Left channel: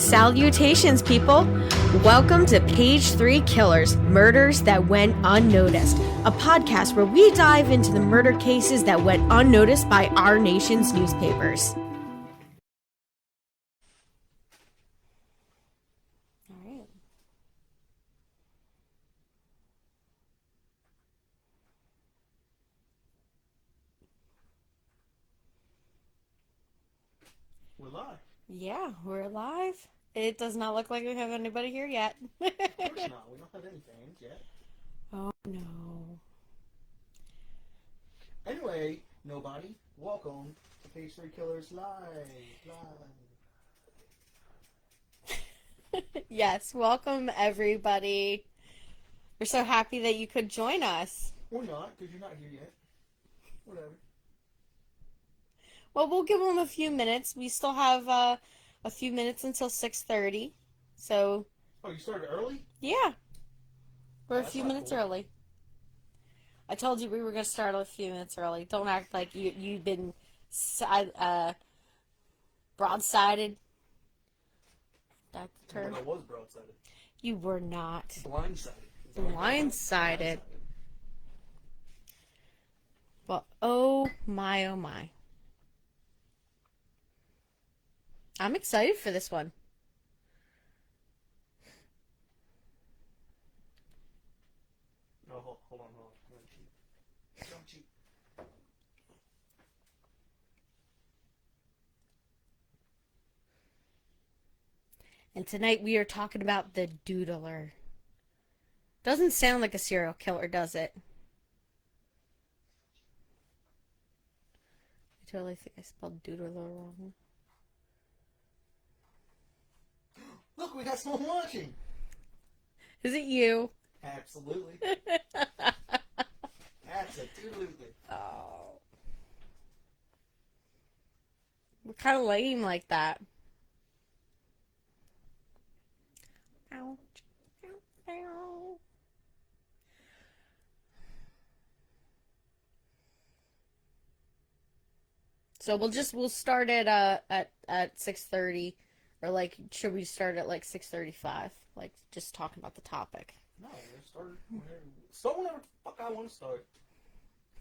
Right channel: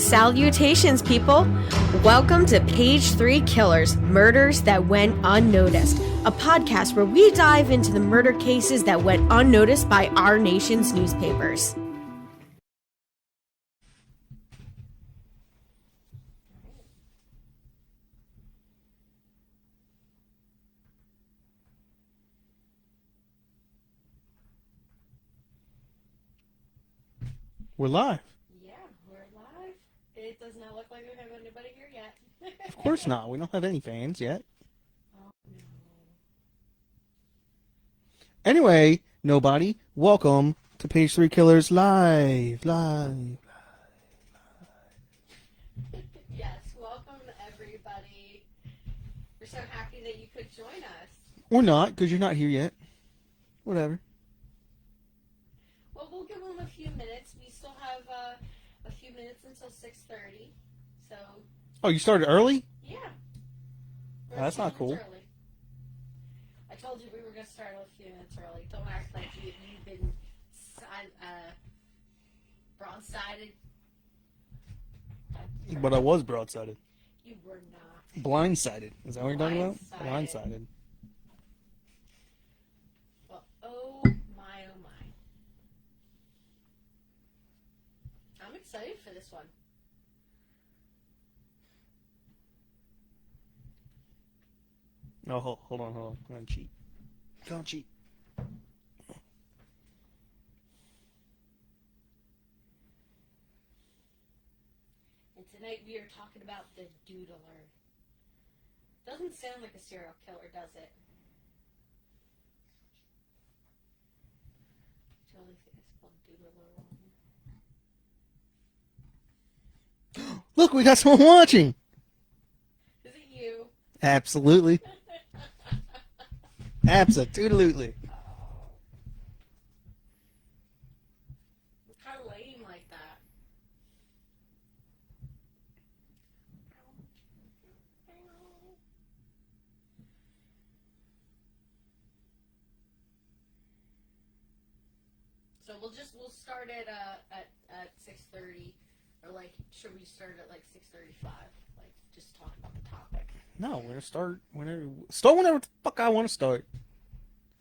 Salutations, people! Welcome to Page 3 Killers, Murders That Went Unnoticed, a podcast where we dive into the murder cases that went unnoticed by our nation's newspapers. We're live. Yeah, we're live. It does not look like we have anybody here yet. Of course not. We don't have any fans yet. Oh, no. Anyway, nobody, welcome to Page 3 Killers live. Yes, welcome everybody. We're so happy that you could join us. Or not, because you're not here yet. Whatever. Well, we'll give them a few minutes. We still have a few minutes until 6:30. So. Oh, you started early? Yeah. We're a That's few not minutes cool. early. I told you we were going to start a few minutes early. Don't act like you've been broadsided. But I was broadsided. You were not. Blindsided. Is that what you're talking about? Blindsided. Blindsided. Well, oh my, oh my. I'm excited for this one. Oh, hold on. Don't cheat. Don't cheat. And tonight we are talking about the Doodler. Doesn't sound like a serial killer, does it? I totally think I spelled Doodler wrong. Look, we got someone watching. Is it you? Absolutely. Absolutely. Oh. We're kind of lame like that. Ow. Ow. Ow. So we'll start at 6:30, or like should we start at like 6:35? Like just talking about the topic. No, we're gonna start whenever the fuck I want to start.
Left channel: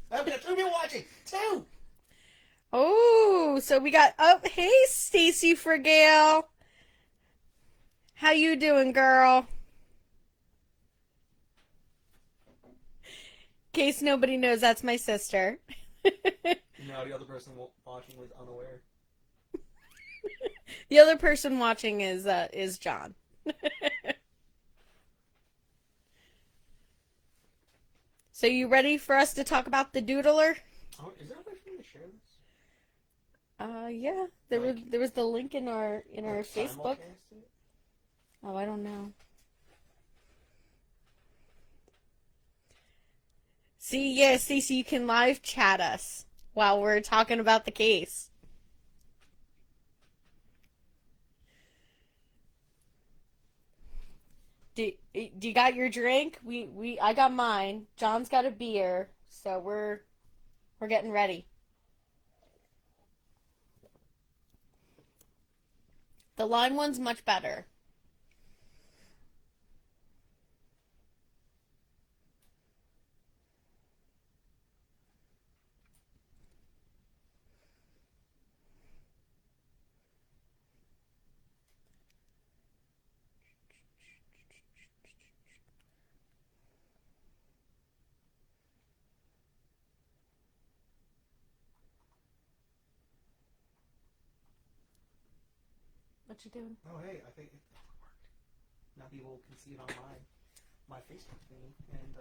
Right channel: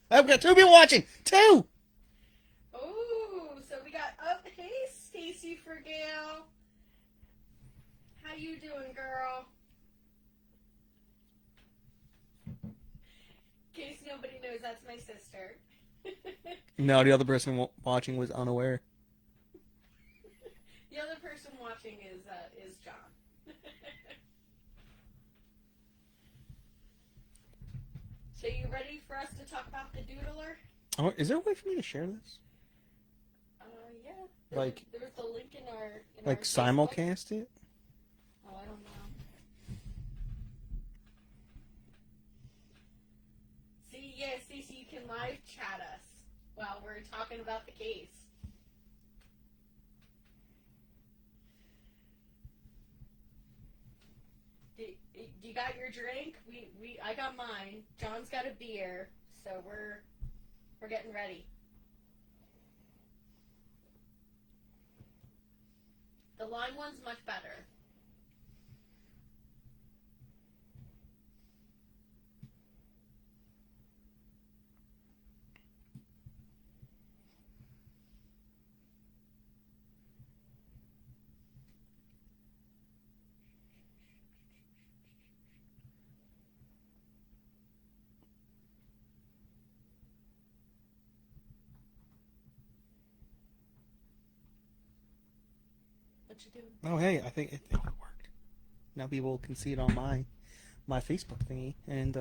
I've got 2 people watching. 2. Oh, so we got hey Stacy Frigale. How you doing, girl? In case nobody knows, that's my sister. No, the other person watching was unaware. The other person watching is John. So you ready for us to talk about the Doodler? Oh, is there a way for me to share this? Yeah. There was the link in our like Facebook. simulcast it? Oh, I don't know. See, yeah, Stacey, you can live chat us while we're talking about the case. Do you got your drink? I got mine. John's got a beer, so we're getting ready. The lime one's much better. What you doing? Oh, hey, I think it worked. Now people can see it on my Facebook thingy, and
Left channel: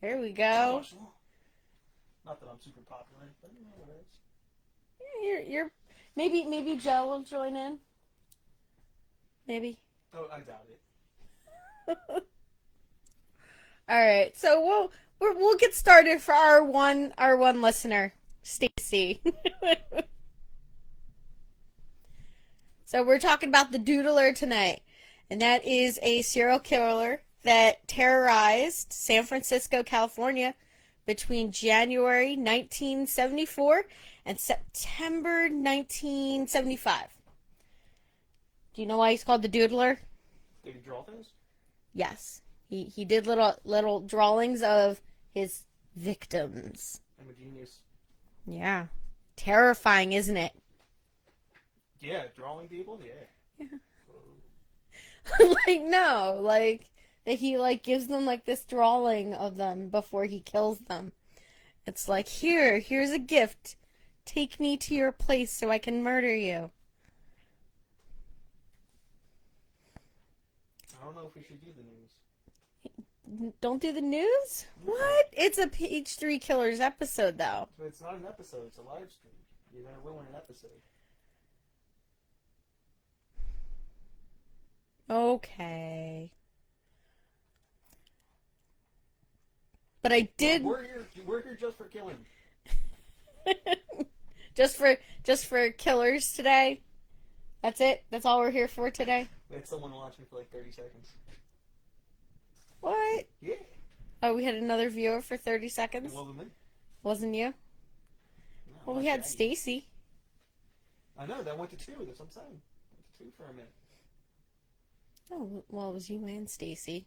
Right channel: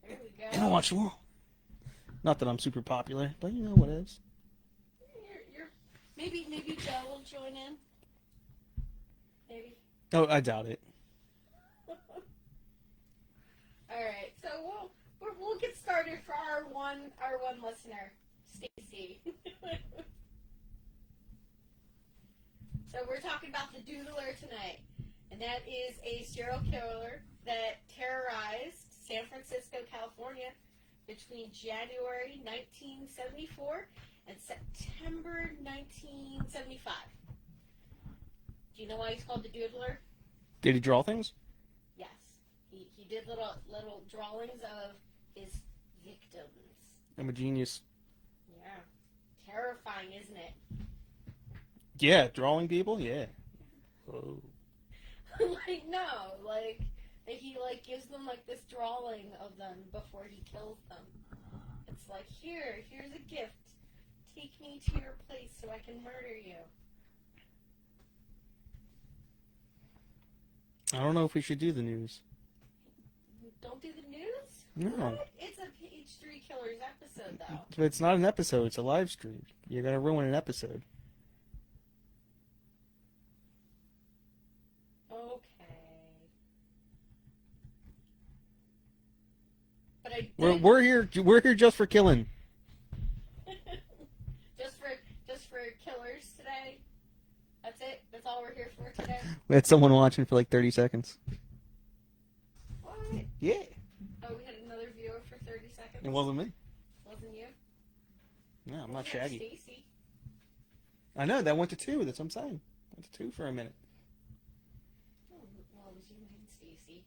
Here we and I'll go. watch them all. Not that I'm super popular, but you know what is. You're maybe Joe will join in. Maybe. Oh, I doubt it. All right, so we'll get started for our one listener, Stacy. So we're talking about the Doodler tonight, and that is a serial killer that terrorized San Francisco, California between January 1974 and September 1975. Do you know why he's called the Doodler? Did he draw things? Yes. He did little drawings of his victims. I'm a genius. Yeah. Terrifying, isn't it? Yeah, drawing people? Yeah. Yeah. Oh. Like, no. Like, that he, like, gives them, like, this drawing of them before he kills them. It's like, here's a gift. Take me to your place so I can murder you. I don't know if we should do the news. Don't do the news? No. What? It's a Page 3 Killers episode, though. But it's not an episode, it's a live stream. You're gonna ruin an episode. Okay. But I did We're here just for killing. just for killers today. That's it. That's all we're here for today. We had someone watching for like 30 seconds. What? Yeah. Oh, we had another viewer for 30 seconds. It wasn't me. Wasn't you? No, Well, not we had Shaggy. Stacy. I know, that went to 2, that's what I'm saying. Went to 2 for a minute. Oh, well, it was you and Stacy.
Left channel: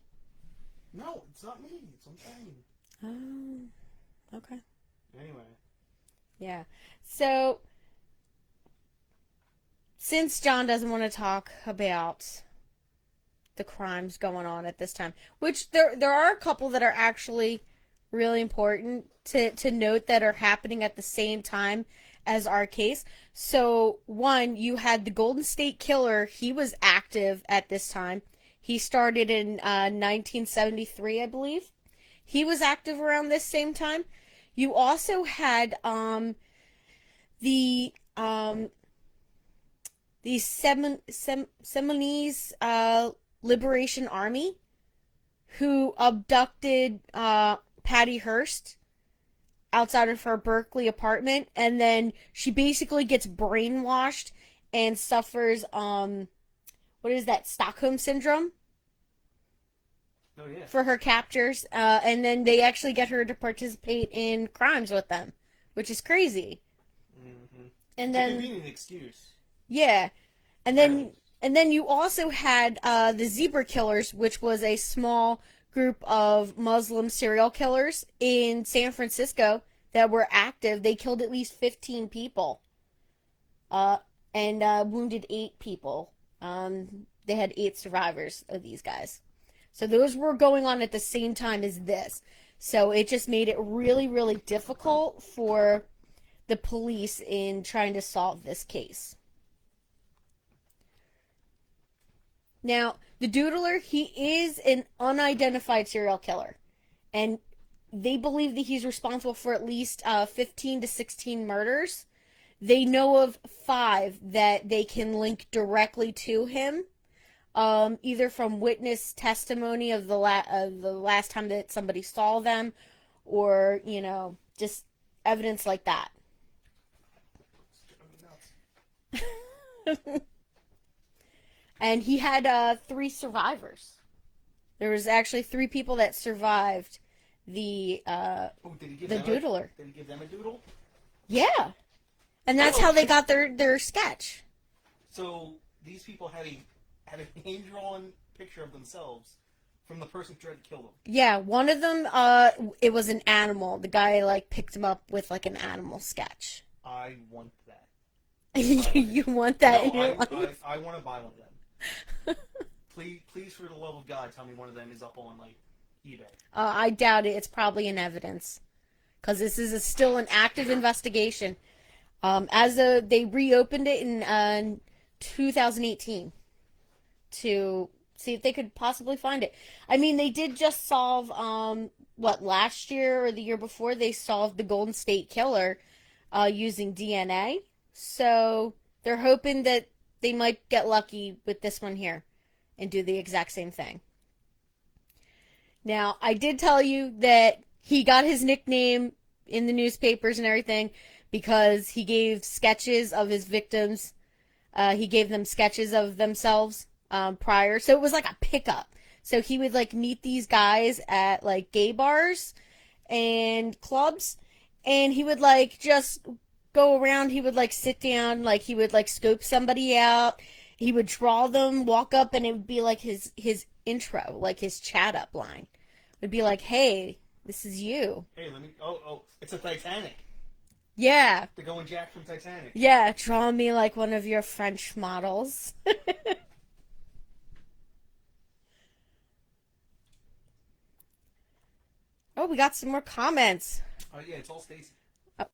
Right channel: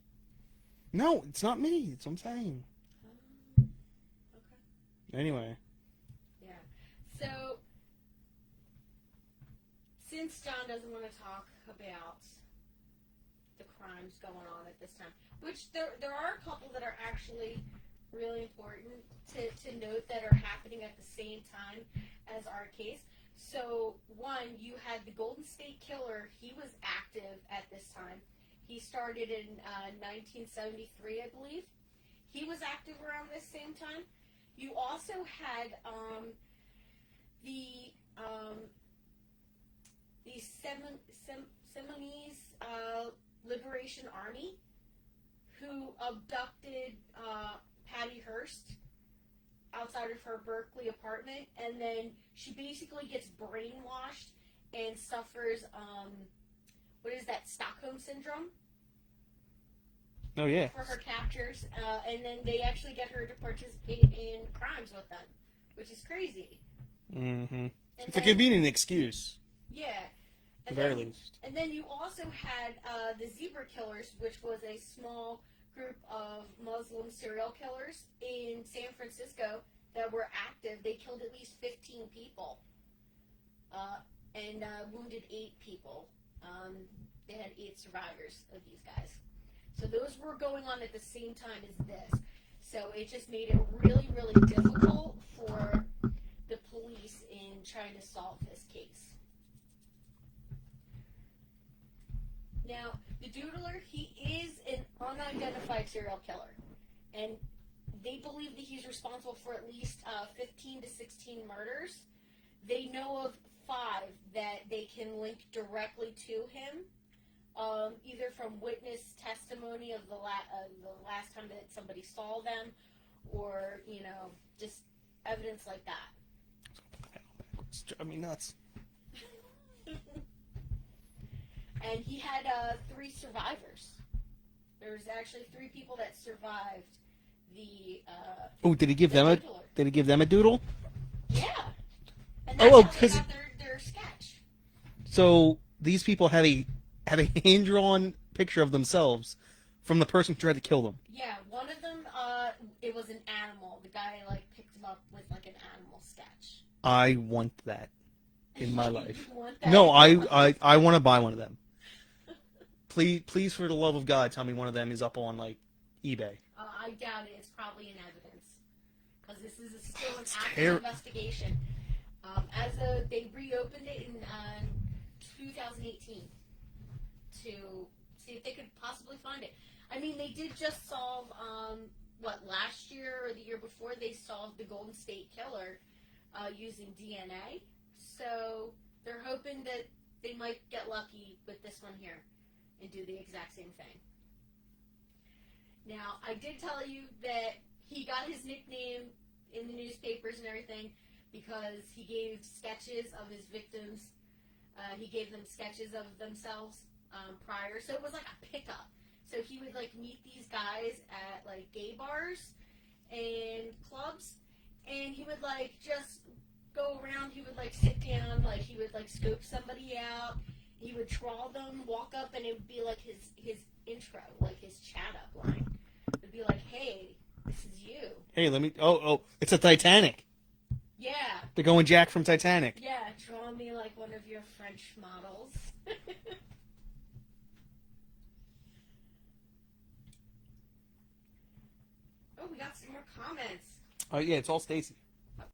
No, it's not me, that's what I'm saying. Oh, okay. Anyway. Yeah. So, since John doesn't want to talk about the crimes going on at this time, which there are a couple that are actually really important to note that are happening at the same time as our case. So, one, you had the Golden State Killer. He was active at this time. He started in 1973, I believe. He was active around this same time. You also had the Seminese Liberation Army, who abducted Patty Hearst outside of her Berkeley apartment, and then she basically gets brainwashed and suffers what is that, Stockholm syndrome? Oh, yeah. For her captures, and then they actually get her to participate in crimes with them, which is crazy. Mm-hmm. And It's then, a convenient excuse. yeah, and Very then least. and then you also had the Zebra Killers, which was a small group of Muslim serial killers in San Francisco that were active. They killed at least 15 people, and wounded 8 people. They had 8 survivors of these guys. So those were going on at the same time as this. So it just made it really, really difficult for the police in trying to solve this case. Now, the Doodler, he is an unidentified serial killer. And they believe that he's responsible for at least 15 to 16 murders. They know of 5 that they can link directly to him. Either from witness testimony of the last time that somebody saw them, or, you know, just evidence like that. It's driving me nuts. And he had 3 survivors. There was actually 3 people that survived the Did he give the them Doodler. Did he give them a doodle? Yeah, and that's how they 'cause- got their sketch. So these people had a hand-drawn picture of themselves from the person who tried to kill them. Yeah, one of them, it was an animal. The guy like picked him up with like an animal sketch. I want that. in my life. You want that? No, in your life? I want to buy one of them. Please, for the love of God, tell me one of them is up on like eBay. I doubt it. It's probably in evidence, because this is still an active investigation. They reopened it in 2018 to see if they could possibly find it. I mean, they did just solve last year or the year before they solved the Golden State Killer using DNA. So they're hoping that they might get lucky with this one here and do the exact same thing. Now, I did tell you that he got his nickname in the newspapers and everything because he gave sketches of his victims. He gave them sketches of themselves prior. So it was like a pickup. So he would like meet these guys at like gay bars and clubs, and he would like just go around. He would like sit down, like he would like scope somebody out, He would draw them, walk up, and it would be like his intro, like his chat up line. It would be like, "Hey, this is you." Hey, let me. Oh, it's a Titanic. Yeah. They're going Jack from Titanic. Yeah, draw me like one of your French models. Oh, we got some more comments. Oh yeah, it's all Stacy. Oh.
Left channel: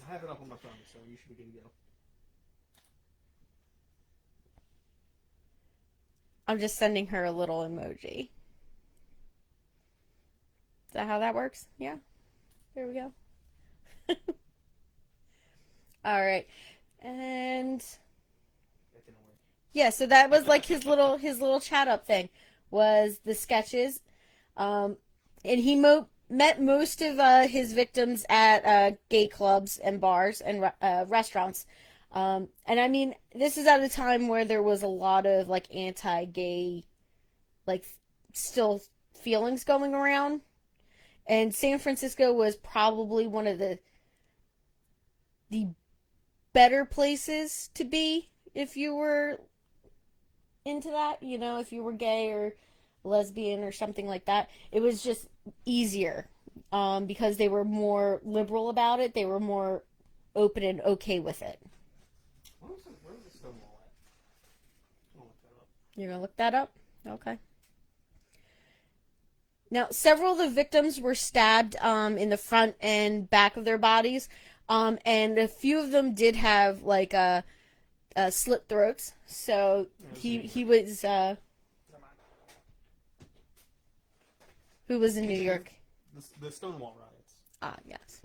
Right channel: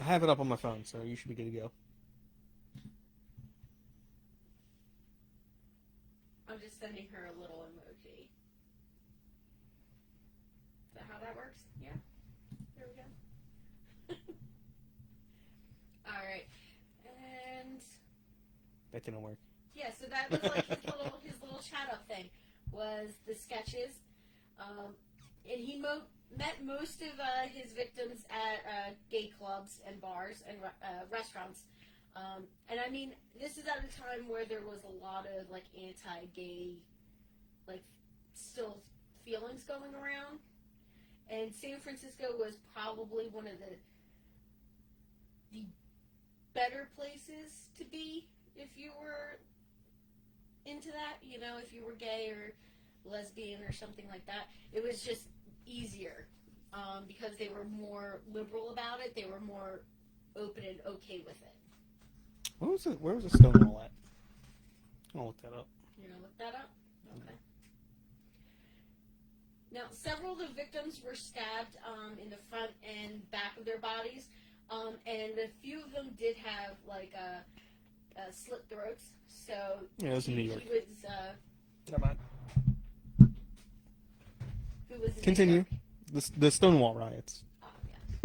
I have it up on my phone, so you should be good to go. I'm just sending her a little emoji. Is that how that works? Yeah. There we go. All right. And That didn't work. yeah, so that was like his little chat up thing was the sketches. And he met most of his victims at gay clubs and bars and restaurants. And I mean, this is at a time where there was a lot of like anti-gay, like still feelings going around. And San Francisco was probably one of the better places to be if you were into that, you know, if you were gay or lesbian or something like that. It was just easier because they were more liberal about it. They were more open and okay with it. Where was the Stonewall at? I'll look that up. You're gonna look that up? Okay. Now, several of the victims were stabbed in the front and back of their bodies, and a few of them did have like slit throats. So Yeah, he was who was in New Continue. York? The Stonewall riots. Ah, yes.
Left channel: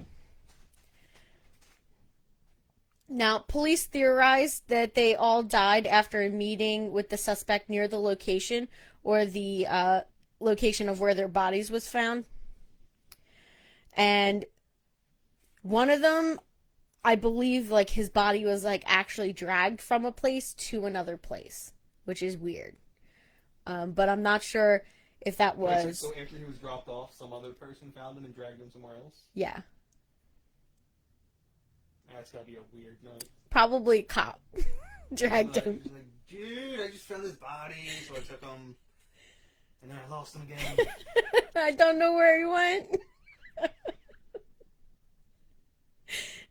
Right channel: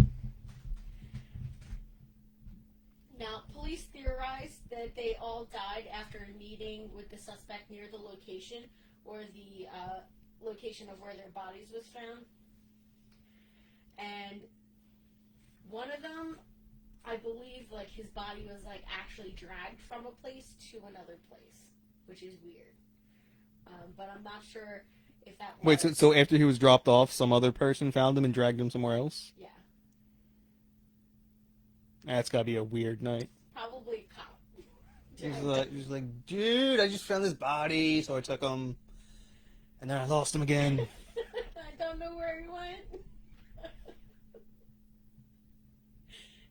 Now, police theorized that they all died after a meeting with the suspect near the location or the location of where their bodies was found. And one of them, I believe, like his body was like actually dragged from a place to another place, which is weird. But I'm not sure if that was. Wait, so after he was dropped off, some other person found him and dragged him somewhere else? Yeah. That's gotta be a weird night. Probably a cop dragged him. He's like, dude, I just found this body, so I took him, and then I lost him again. I don't know where he went.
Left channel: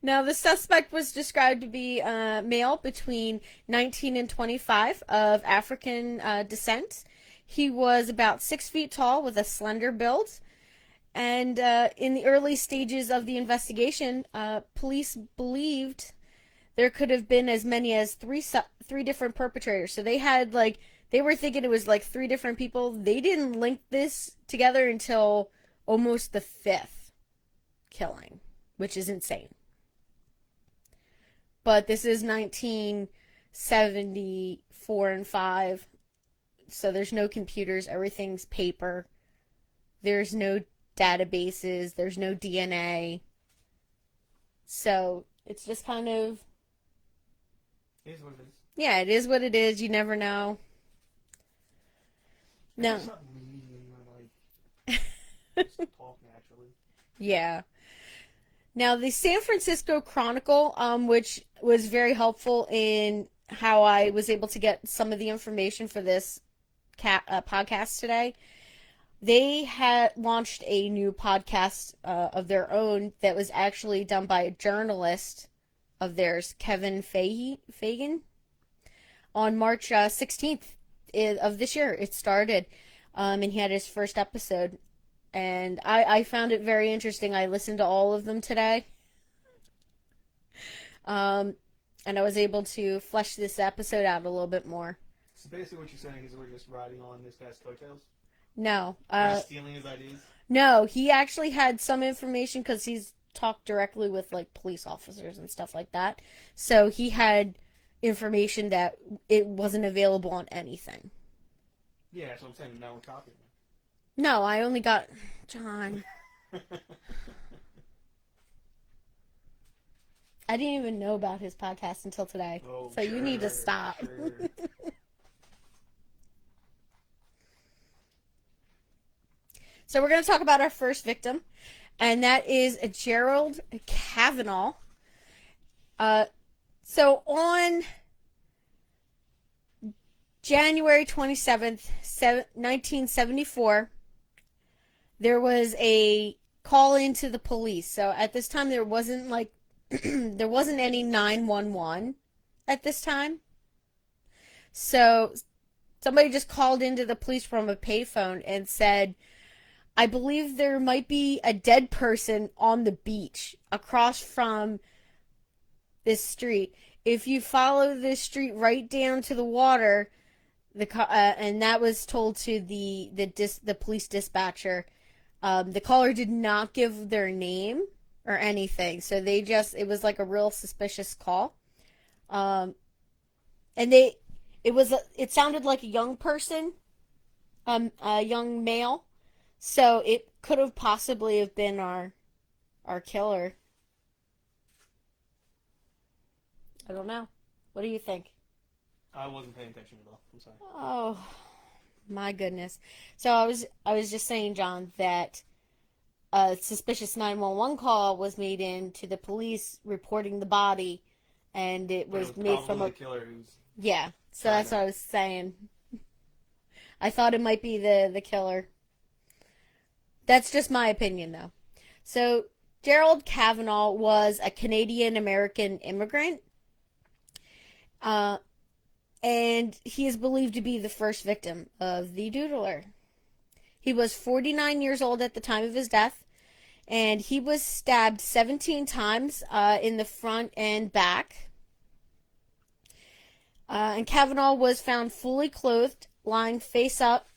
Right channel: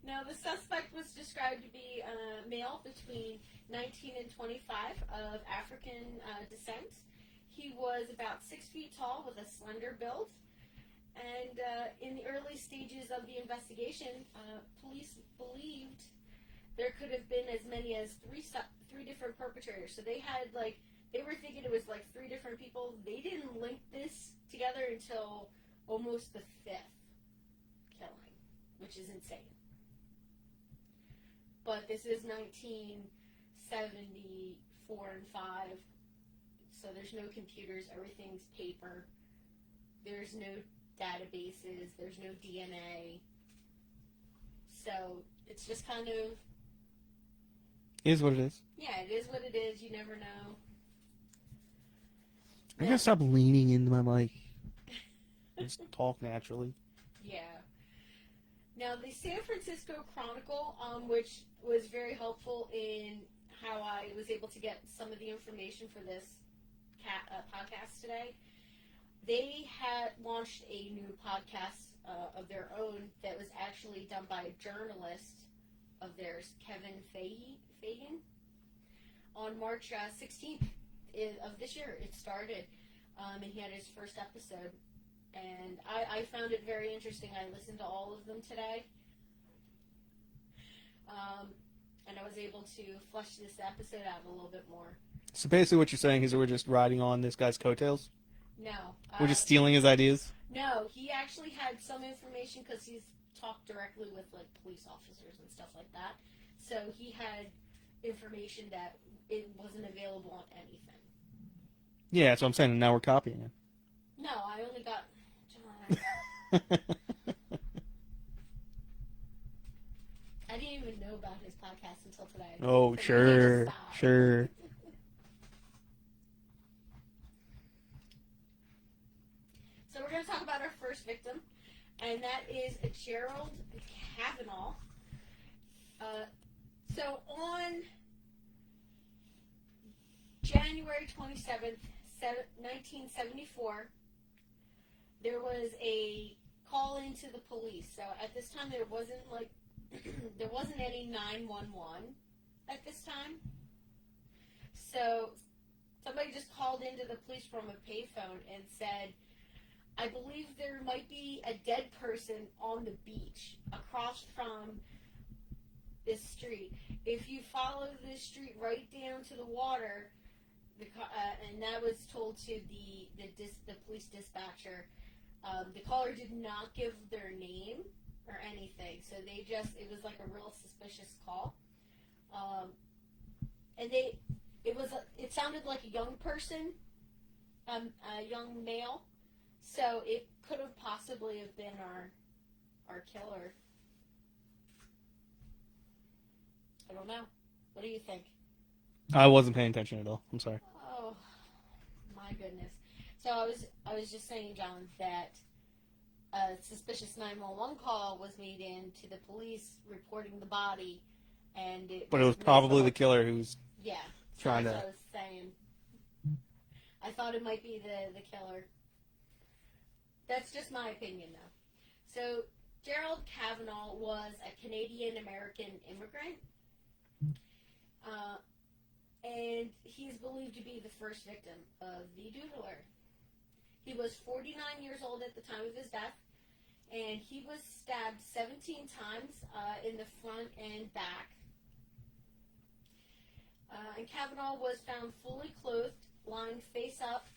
Now, the suspect was described to be male between 19 and 25 of African descent. He was about 6 feet tall with a slender build. And in the early stages of the investigation, police believed there could have been as many as three different perpetrators. So they had they were thinking it was like 3 different people. They didn't link this together until almost the 5th killing, which is insane. But this is 1974 and 5, so there's no computers. Everything's paper. There's no databases. There's no DNA. So it's just kind of... It is what it is. Yeah, it is what it is. You never know. I'm gonna stop leaning into my mic. Just talk naturally. Yeah. Now, the San Francisco Chronicle, which was very helpful in how I was able to get some of the information for this podcast today, they had launched a new podcast of their own that was actually done by a journalist of theirs, Kevin Fagan, on March 16th of this year. It started, and he had his first episode. And I found it very interesting. I listened to all of them today. And I was able to flesh this episode out a little bit more. So basically what you're saying is that we're just riding on this guy's coattails? No. We're just stealing his ideas? No, he actually had some information because he's talked directly with police officers and stuff like that. So he had information that it wasn't available on anything. Yeah, that's what I'm saying. And now we're copying it. No, I only got... John. I didn't even know about his podcast until today. Oh, so sure. You need to stop. Sure. So we're going to talk about our first victim, and that is Gerald Kavanaugh. So on January 27th, 1974, there was a call into the police. So at this time, there wasn't like, there wasn't any 911 at this time. So somebody just called into the police from a payphone and said, I believe there might be a dead person on the beach across from this street. If you follow this street right down to the water, and that was told to the police dispatcher. The caller did not give their name or anything, so it was like a real suspicious call. And it sounded like a young person, a young male, so it could have possibly have been our killer. I don't know. What do you think? I wasn't paying attention at all. I'm sorry. Oh, my goodness. So I was just saying, John, that a suspicious 911 call was made in to the police reporting the body, and But it was probably the killer who's... Yeah, so that's what I was saying. I thought it might be the killer. That's just my opinion, though. So Gerald Kavanaugh was a Canadian-American immigrant. And he is believed to be the first victim of the Doodler. He was 49 years old at the time of his death, and he was stabbed 17 times in the front and back. And Kavanaugh was found fully clothed, lying face up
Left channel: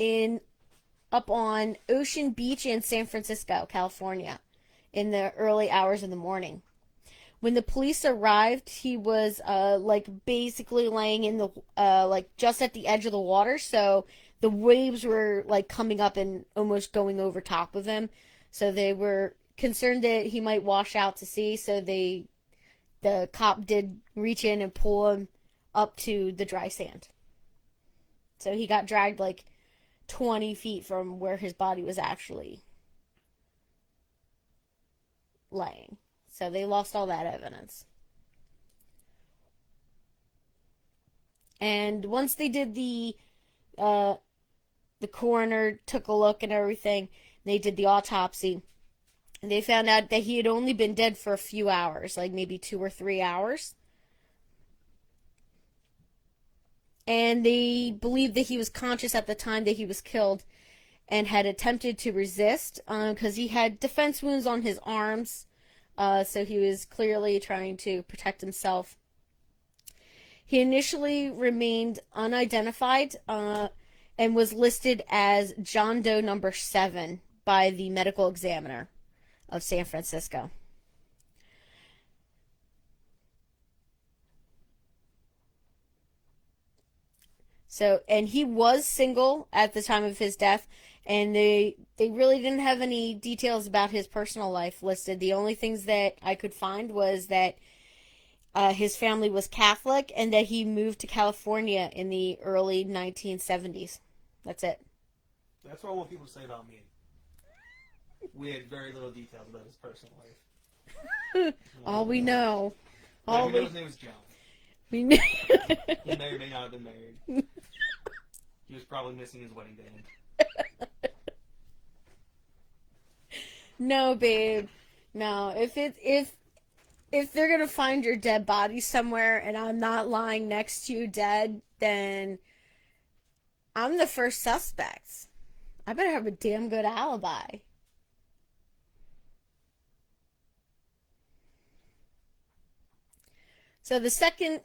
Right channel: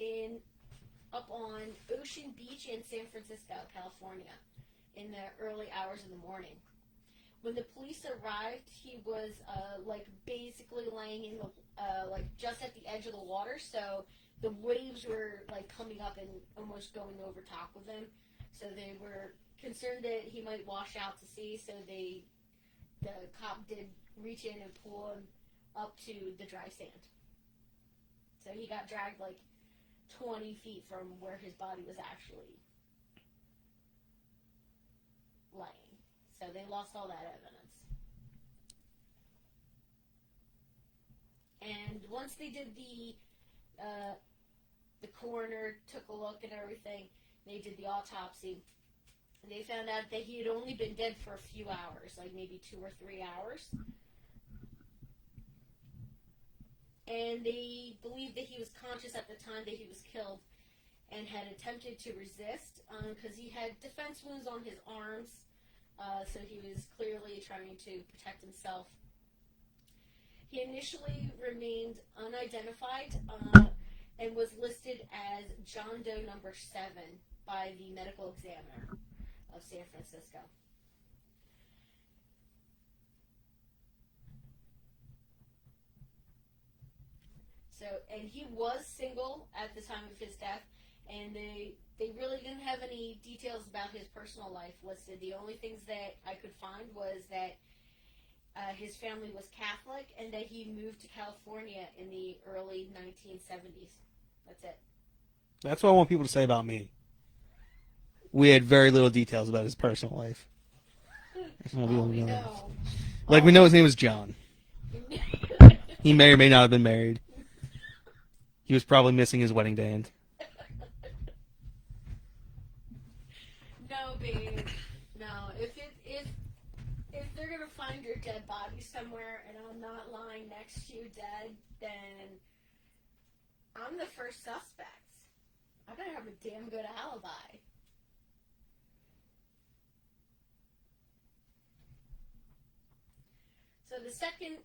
on Ocean Beach in San Francisco, California, in the early hours of the morning. When the police arrived, he was basically laying in the just at the edge of the water, so the waves were like coming up and almost going over top of him. So they were concerned that he might wash out to sea. So the cop did reach in and pull him up to the dry sand. So he got dragged like 20 feet from where his body was actually laying. So they lost all that evidence. And once they did the coroner took a look and everything, they did the autopsy, and they found out that he had only been dead for a few hours, like maybe 2 or 3 hours. And they believed that he was conscious at the time that he was killed and had attempted to resist because he had defense wounds on his arms. So he was clearly trying to protect himself. He initially remained unidentified and was listed as John Doe number 7 by the medical examiner of San Francisco. So, and he was single at the time of his death, and they really didn't have any details about his personal life listed. The only things that I could find was that his family was Catholic and that he moved to California in the early 1970s. That's it. That's what I want people to say about me. We had very little details about his personal life. All we know. Like, we know his name was John. We knew. He may or may not have been married. He was probably missing his wedding band. No, babe. No. If they're gonna find your dead body somewhere and I'm not lying next to you dead, then I'm the first suspect. I better have a damn good alibi. So the second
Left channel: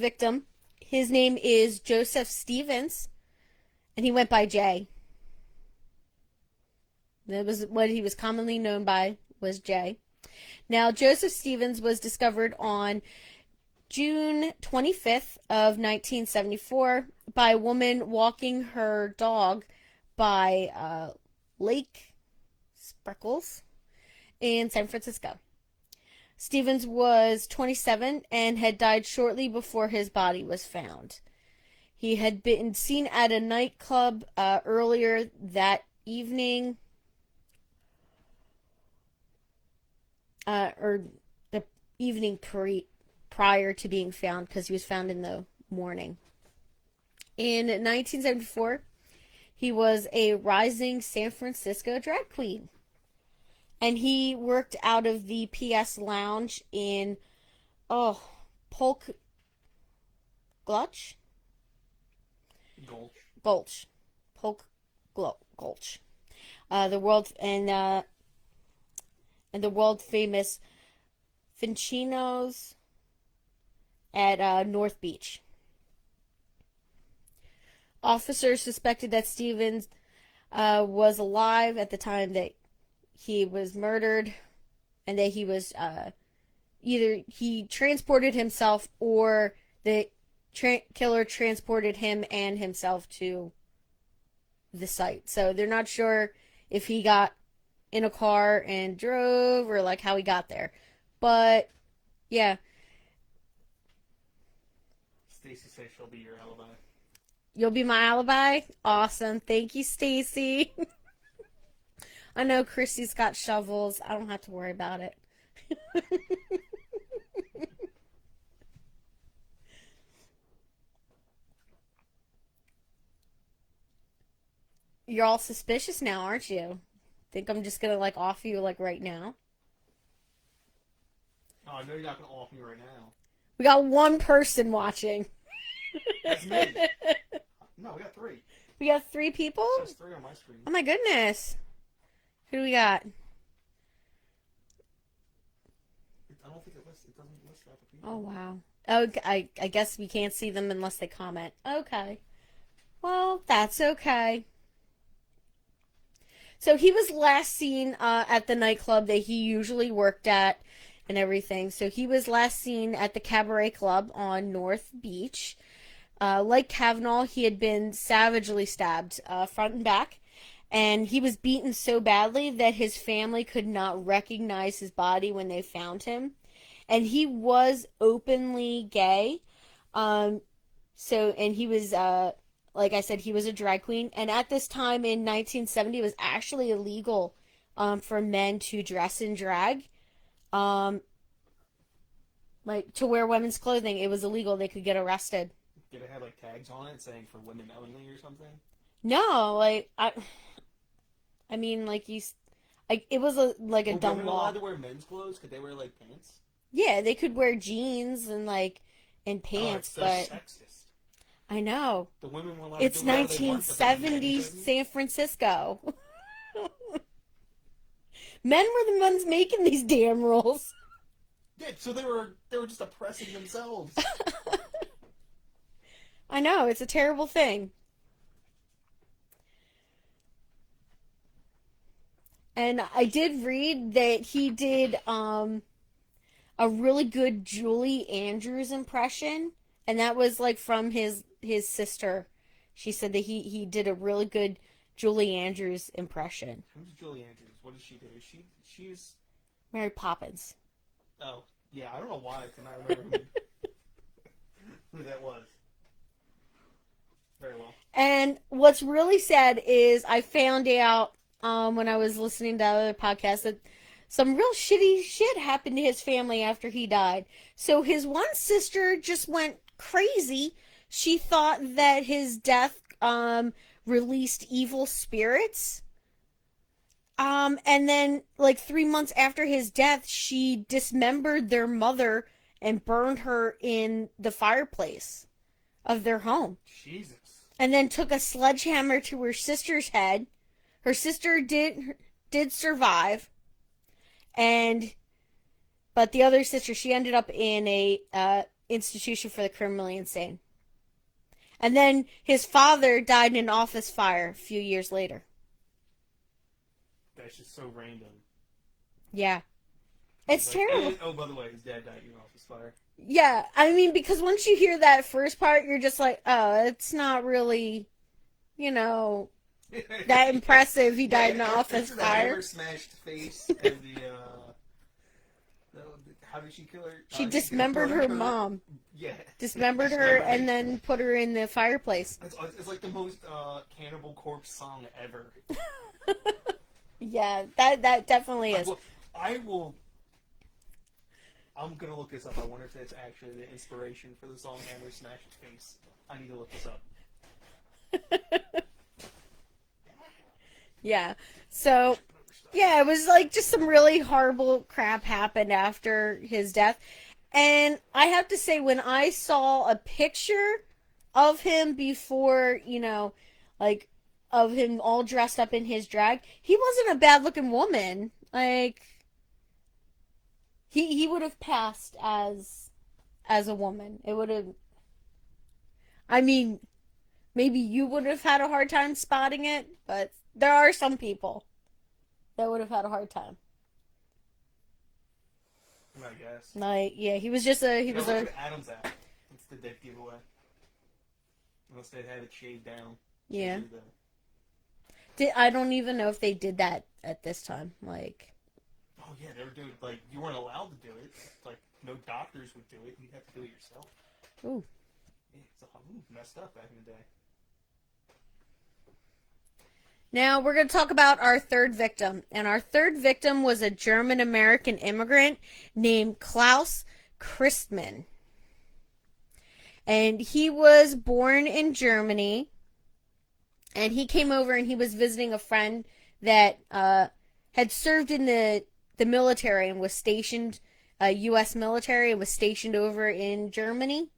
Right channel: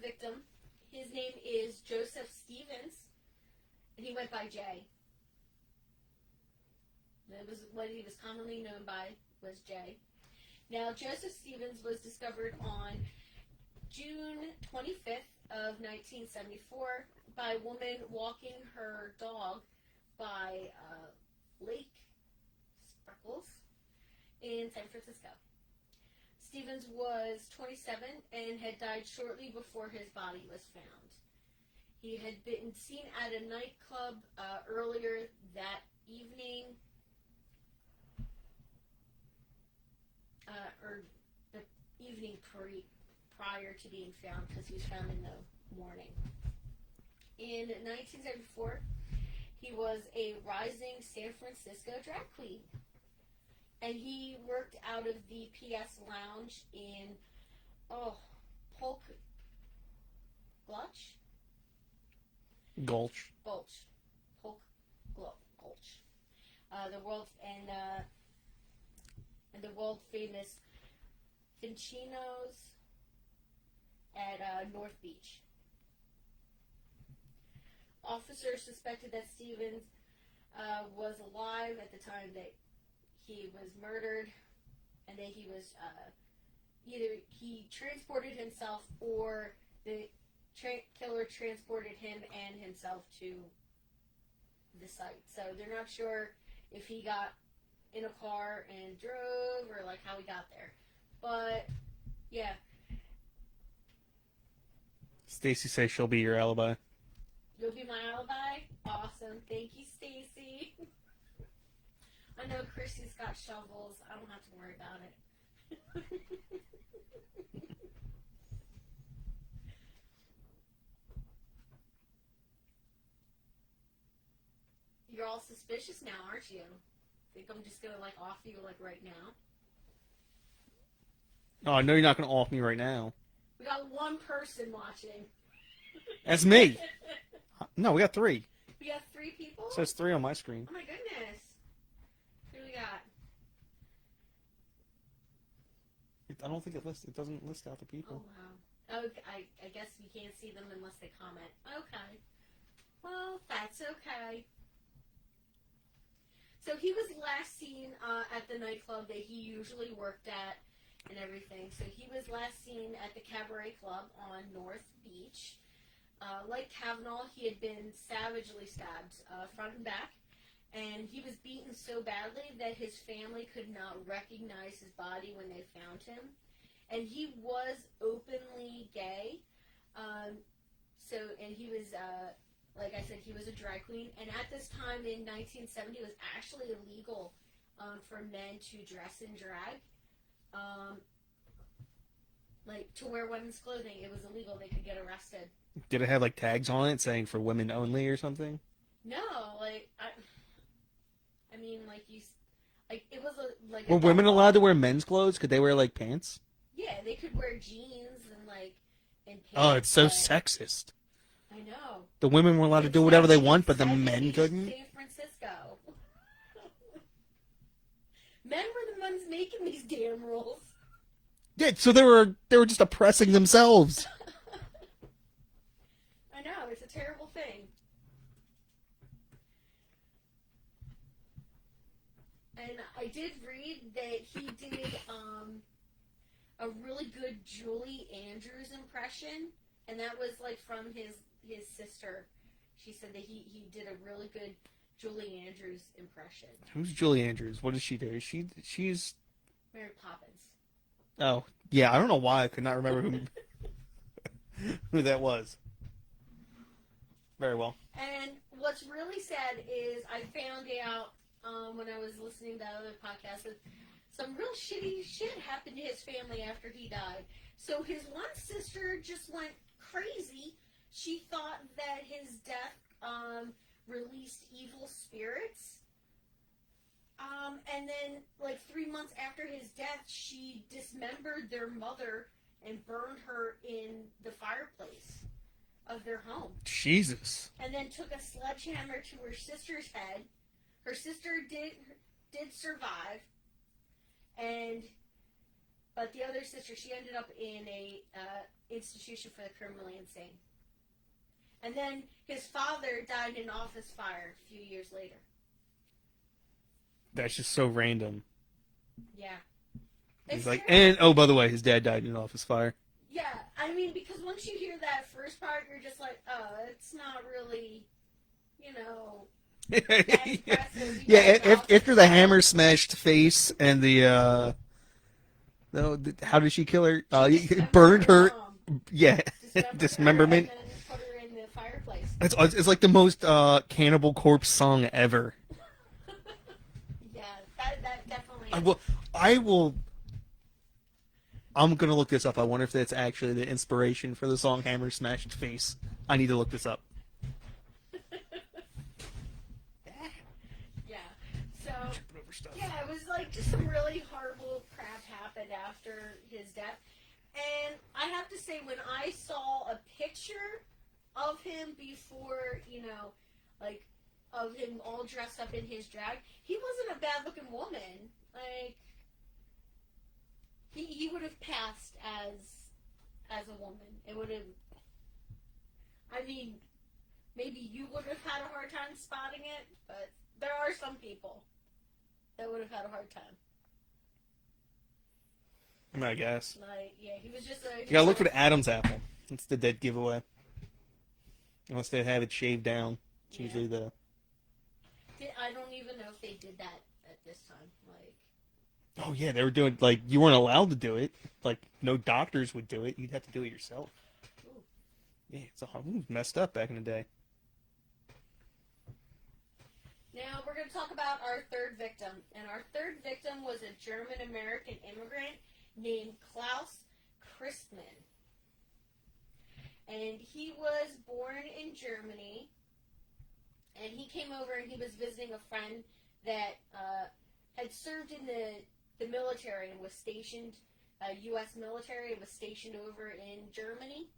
victim, his name is Joseph Stevens, and he went by Jay. That was what he was commonly known by, was Jay. Now, Joseph Stevens was discovered on June 25th of 1974 by a woman walking her dog by Lake Spreckles in San Francisco. Stevens was 27 and had died shortly before his body was found. He had been seen at a nightclub earlier that evening, or the evening prior to being found because he was found in the morning. In 1974, he was a rising San Francisco drag queen. And he worked out of the PS Lounge in, Polk Gulch? Gulch. Polk Gulch. The world and the world famous Fincino's at North Beach. Officers suspected that Stevens was alive at the time that he was murdered, and that he was either he transported himself or the killer transported him and himself to the site. So they're not sure if he got in a car and drove or like how he got there. But yeah. Stacy says she'll be your alibi. You'll be my alibi? Awesome. Thank you, Stacy. I know Christy's got shovels. I don't have to worry about it. You're all suspicious now, aren't you? Think I'm just gonna like off you like right now? Oh, I know you're not going to off me right now. We got one person watching. That's me. No, we got 3. We got 3 people? It says 3 on my screen. Oh my goodness. Who do we got? I don't think it lists. It doesn't list out the people. Oh wow. Oh, I guess we can't see them unless they comment. Okay. Well, that's okay. So he was last seen at the nightclub that he usually worked at and everything. So he was last seen at the Cabaret Club on North Beach. Like Kavanaugh, he had been savagely stabbed front and back. And he was beaten so badly that his family could not recognize his body when they found him. And he was openly gay. And he was, like I said, he was a drag queen. And at this time in 1970, it was actually illegal for men to dress in drag. Like, to wear women's clothing. It was illegal. They could get arrested. Did it have, like, tags on it saying for women only or something? No, like, I mean, like, it was like a Were women allowed to wear men's clothes? Could they wear, like, pants? Yeah, they could wear jeans and, like, and pants. Oh, it's so sexist. I know. The women were allowed to do whatever they want, but the men couldn't? San Francisco. Men were the ones making these damn rules. Yeah, so they were just oppressing themselves. I know, it's a terrible thing. And I did read that he did a really good Julie Andrews impression, and that was like from his sister. She said that he did a really good Julie Andrews impression. Who's Julie Andrews? What does she do? She's Mary Poppins. Oh, yeah, I don't know why I could not remember who that was. Very well. And what's really sad is I found out when I was listening to other podcasts that some real shitty shit happened to his family after he died. So his one sister just went crazy. She thought that his death released evil spirits. And then, like, 3 months after his death, she dismembered their mother and burned her in the fireplace of their home. Jesus. And then took a sledgehammer to her sister's head. Her sister did survive. But the other sister, she ended up in a institution for the criminally insane. And then his father died in an office fire a few years later. That's just so random. Yeah. It's like, terrible. And, oh, by the way, his dad died in an office fire. Yeah, I mean, because once you hear that first part, you're just like, oh, it's not really, that impressive. He died in an office after the fire. hammer smashed face and the, how did she kill her? She dismembered her mom. Yeah. Dismembered her and then put her in the fireplace. It's like the most Cannibal Corpse song ever. Yeah, that definitely is. I will. I'm gonna look this up. I wonder if that's actually the inspiration for the song "Hammer Smashed Face." I need to look this up. Yeah. So, yeah, it was like just some really horrible crap happened after his death. And I have to say, when I saw a picture of him before, like of him all dressed up in his drag, he wasn't a bad looking woman. Like he would have passed as a woman. It would have. I mean, maybe you would have had a hard time spotting it, but there are some people that would have had a hard time. I guess. Like, yeah, he was just a. He You gotta was look for the Adam's apple. It's the dead giveaway. Unless they have it shaved down. It's Yeah. usually the... I don't even know if they did that at this time. Like, Oh yeah, they were doing like you weren't allowed to do it. Like no doctors would do it. You'd have to do it yourself. ooh. Yeah, it was messed up back in the day. Now we're going to talk about our third victim. And our third victim was a German American immigrant named Klaus Christmann. And he was born in Germany. And he came over and he was visiting a friend that had served in the military and was stationed, U.S. military, and was stationed over in Germany.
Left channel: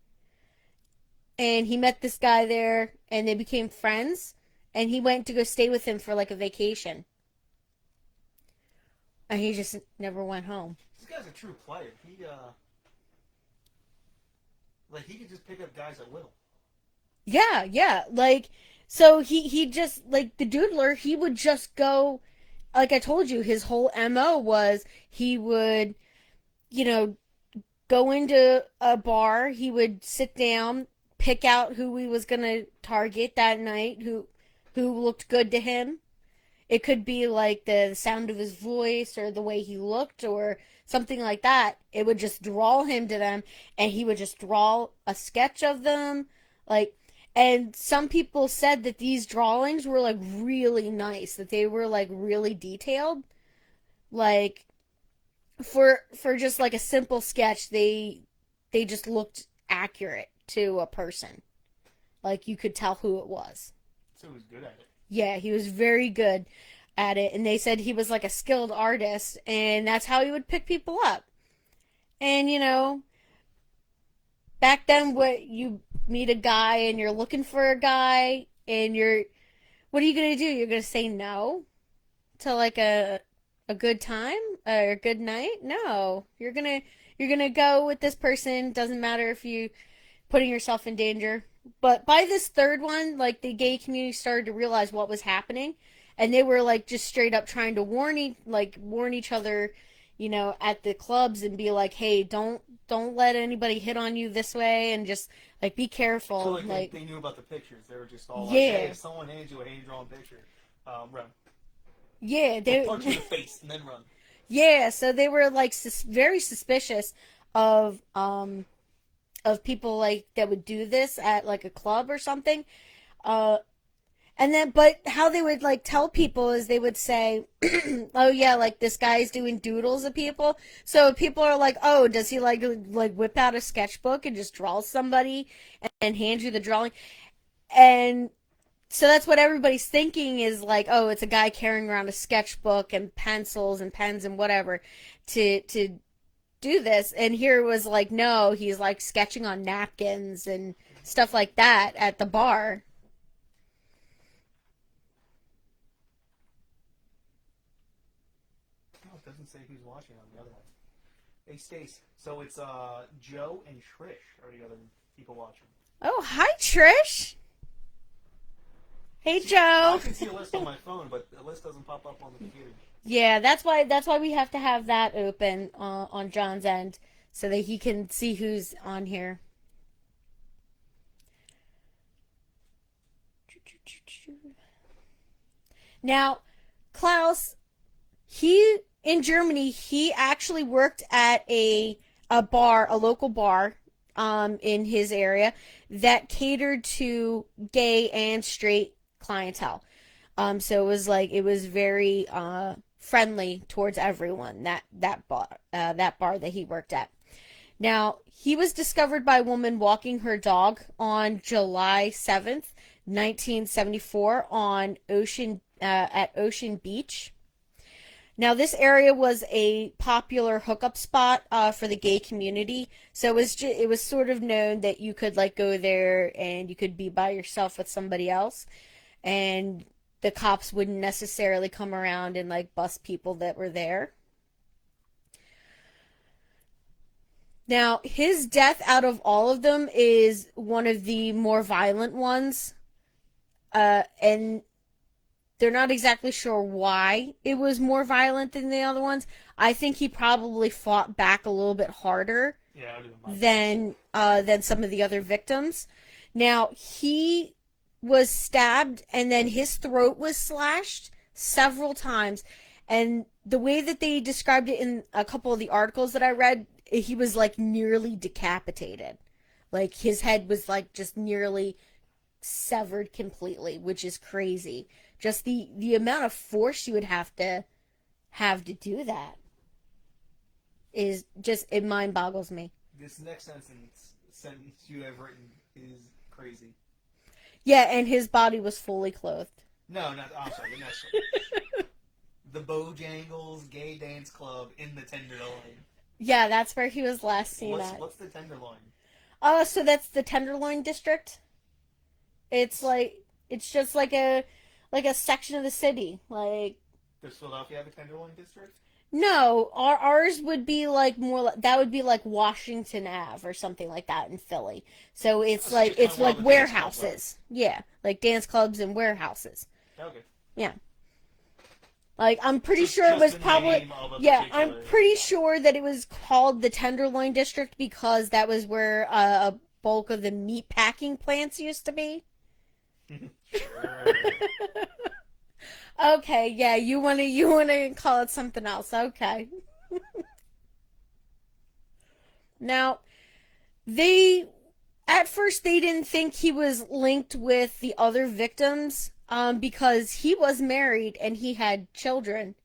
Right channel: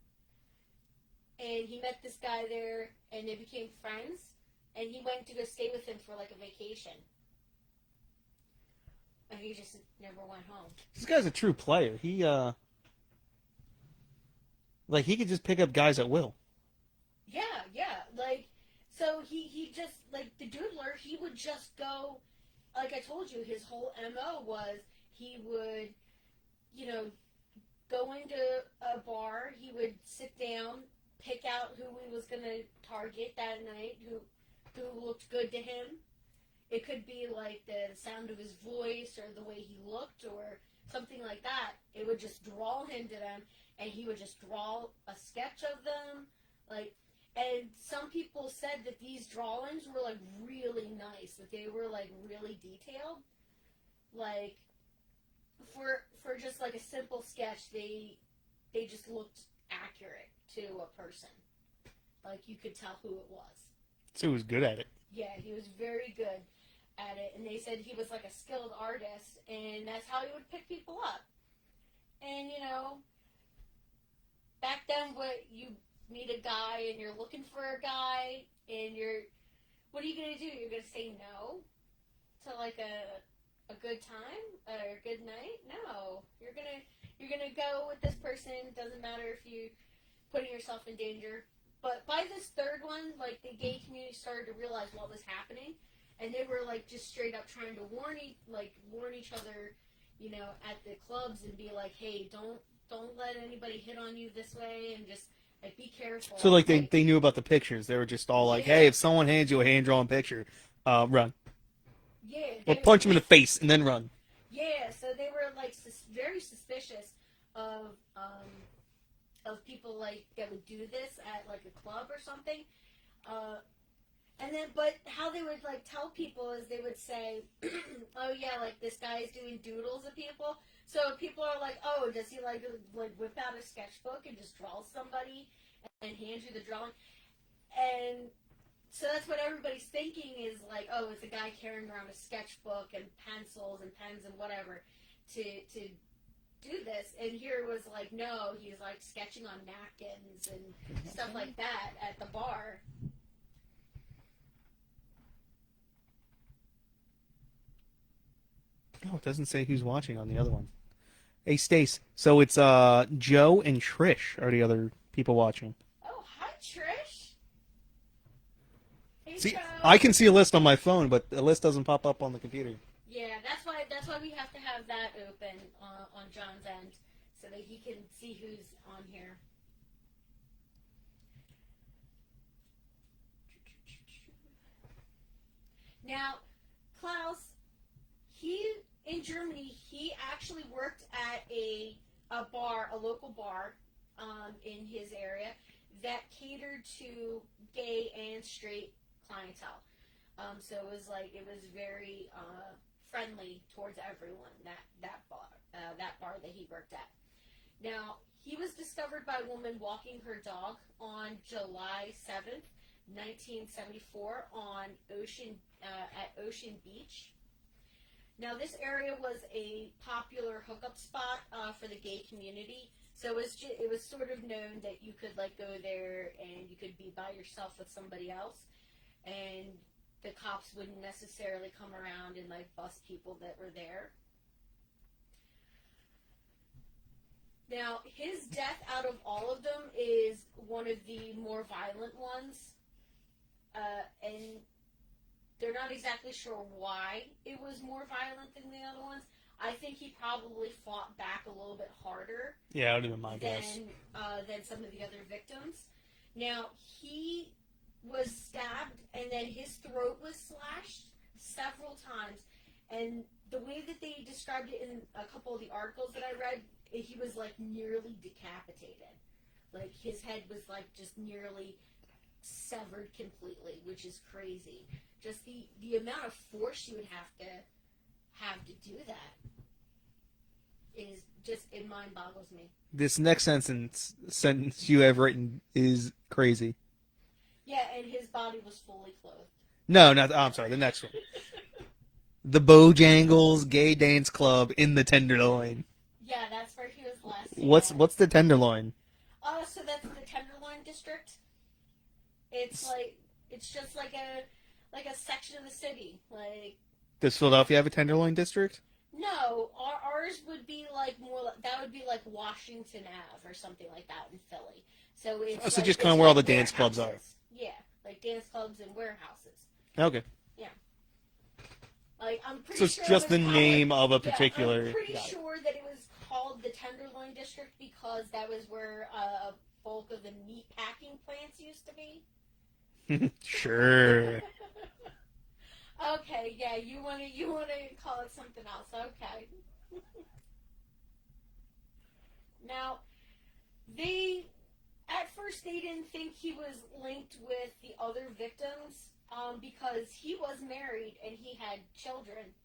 And he met this guy there and they became friends. And he went to go stay with him for like a vacation. And he just never went home. This guy's a true player. He like he could just pick up guys at will. Yeah, yeah. Like, so he just, like, the Doodler, he would just go, like I told you, his whole MO was he would, go into a bar, he would sit down, pick out who he was going to target that night, who looked good to him. It could be like the sound of his voice or the way he looked or something like that. It would just draw him to them, and he would just draw a sketch of them. Like, and some people said that these drawings were like really nice, that they were like really detailed. Like, for just like a simple sketch, they just looked accurate to a person. Like, you could tell who it was. So he was good at it. Yeah, he was very good at it. And they said he was like a skilled artist. And that's how he would pick people up. And, back then, you meet a guy and you're looking for a guy. And what are you going to do? You're going to say no to like a good time or a good night? No. You're going to go with this person. Doesn't matter if you putting yourself in danger. But by this third one, like, the gay community started to realize what was happening, and they were like just straight up trying to warn each other, at the clubs and be like, hey, don't let anybody hit on you this way, and just like be careful. So like they knew about the pictures. They were just all like, hey, if someone hands you a hand drawn picture, run. Yeah, or punch him in the face and then run. Yeah, so they were like very suspicious of people like that would do this at like a club or something. And then, but how they would like tell people is they would say, oh yeah, like this guy's doing doodles of people. So people are like, oh, does he like whip out a sketchbook and just draw somebody and hand you the drawing? And so that's what everybody's thinking is like, oh, it's a guy carrying around a sketchbook and pencils and pens and whatever to do this. And here it was like, no, he's like sketching on napkins and stuff like that at the bar. Oh, it doesn't say who's watching on the other one. Hey, Stace. So it's Joe and Trish are the other people watching. Oh, hi, Trish. Hey, See, Joe. I can see a list on my phone, but the list doesn't pop up on the computer. Yeah, that's why we have to have that open on John's end so that he can see who's on here. Now, Klaus, in Germany, he actually worked at a bar, a local bar, in his area that catered to gay and straight clientele. So it was very friendly towards everyone, that bar that he worked at. Now, he was discovered by a woman walking her dog on July 7th, 1974 on at Ocean Beach. Now, this area was a popular hookup spot for the gay community, so it was sort of known that you could like go there and you could be by yourself with somebody else, and the cops wouldn't necessarily come around and like bust people that were there. Now, his death out of all of them is one of the more violent ones, and they're not exactly sure why it was more violent than the other ones. I think he probably fought back a little bit harder Yeah, I don't even mind than some of the other victims. Now, he was stabbed and then his throat was slashed several times. And the way that they described it in a couple of the articles that I read, he was like nearly decapitated. Like his head was like just nearly severed completely, which is crazy. Just the amount of force you would have to do that is just, it mind boggles me. This next sentence you have written is crazy. Yeah, and his body was fully clothed. No, not. Oh, I'm sorry. The next one. The Bojangles Gay Dance Club in the Tenderloin. Yeah, that's where he was last seen. What's the Tenderloin? So that's the Tenderloin district. It's just like a section of the city. Like, does Philadelphia have a Tenderloin district? No, ours would be like more. That would be like Washington Ave or something like that in Philly. So it's so like just it's kind of where all like the dance clubs warehouses. Yeah, like dance clubs and warehouses. Okay. Yeah. Like I'm pretty So sure it just was the probably name of a particular. I'm pretty sure that it was called the Tenderloin district because that was where a bulk of the meat packing plants used to be. Sure. Okay, yeah, you wanna call it something else. Okay. Now, at first they didn't think he was linked with the other victims, because he was married and he had children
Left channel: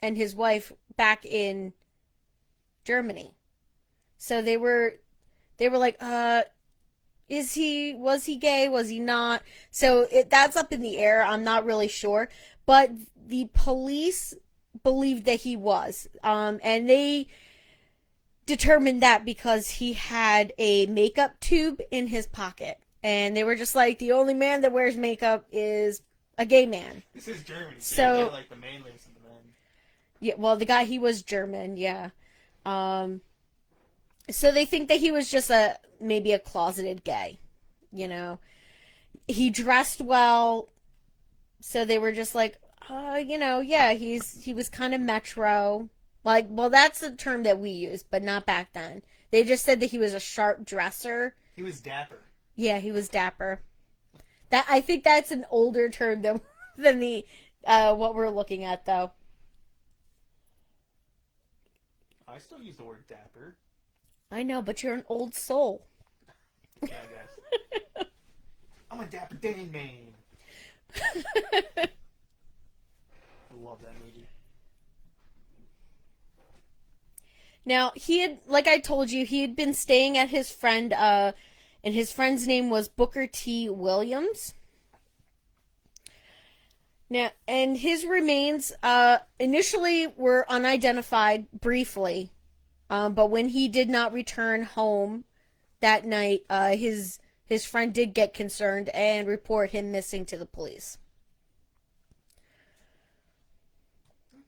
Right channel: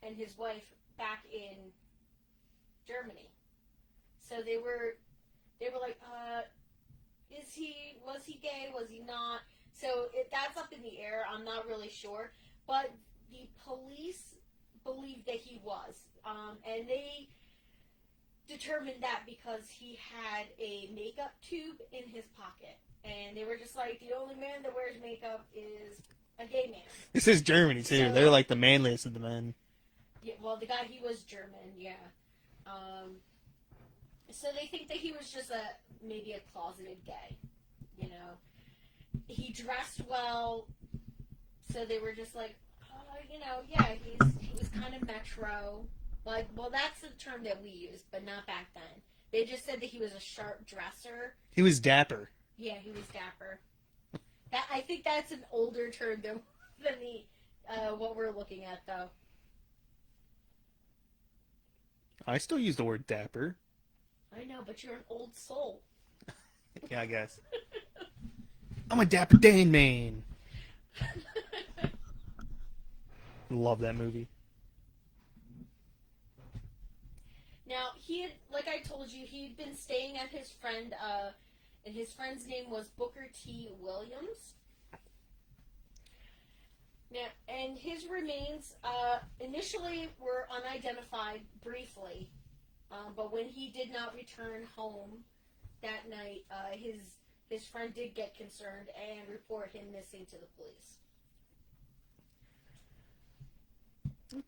and his wife back in Germany. So they were like, was he gay? Was he not? So that's up in the air. I'm not really sure. But the police believed that he was. And they determined that because he had a makeup tube in his pocket. And they were just like, the only man that wears makeup is a gay man. This is Germany, too. So, they're like the manliest of the men. Yeah, well, the guy, he was German, yeah. So they think that he was just maybe a closeted gay, you know. He dressed well, so they were just like, yeah, he was kind of metro. Like, well, that's the term that we use, but not back then. They just said that he was a sharp dresser. He was dapper. Yeah, he was dapper. I think that's an older term than the what we're looking at, though. I still use the word dapper. I know, but you're an old soul. Yeah, I guess. I'm a Dapper Dan man. Love that movie. Now, like I told you, he had been staying at his friend, and his friend's name was Booker T. Williams. Now, and his remains, initially were unidentified briefly, but when he did not return home that night, his friend did get concerned and report him missing to the police.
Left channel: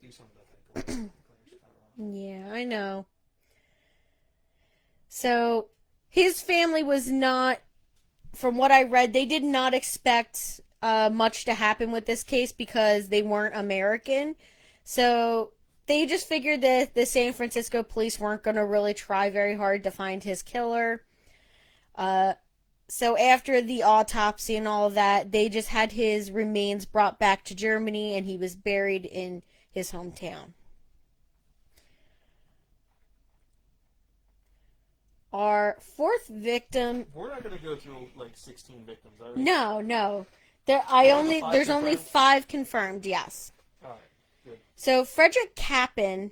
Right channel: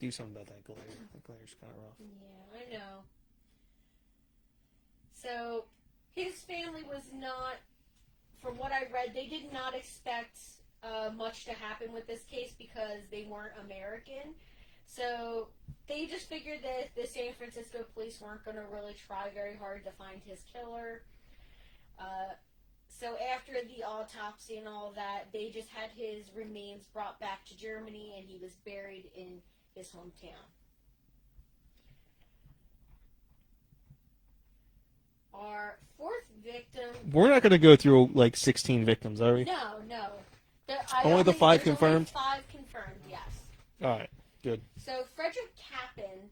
Do something about that glitter. That glitter's kind of rough. Yeah, I know. So, his family was not, from what I read, they did not expect much to happen with this case because they weren't American. So, they just figured that the San Francisco police weren't going to really try very hard to find his killer. So after the autopsy and all of that, they just had his remains brought back to Germany and he was buried in his hometown. Our fourth victim... We're not going to go through like 16 victims, are we? No. There's only 5 confirmed, yes. Alright, good. So Frederick Kappen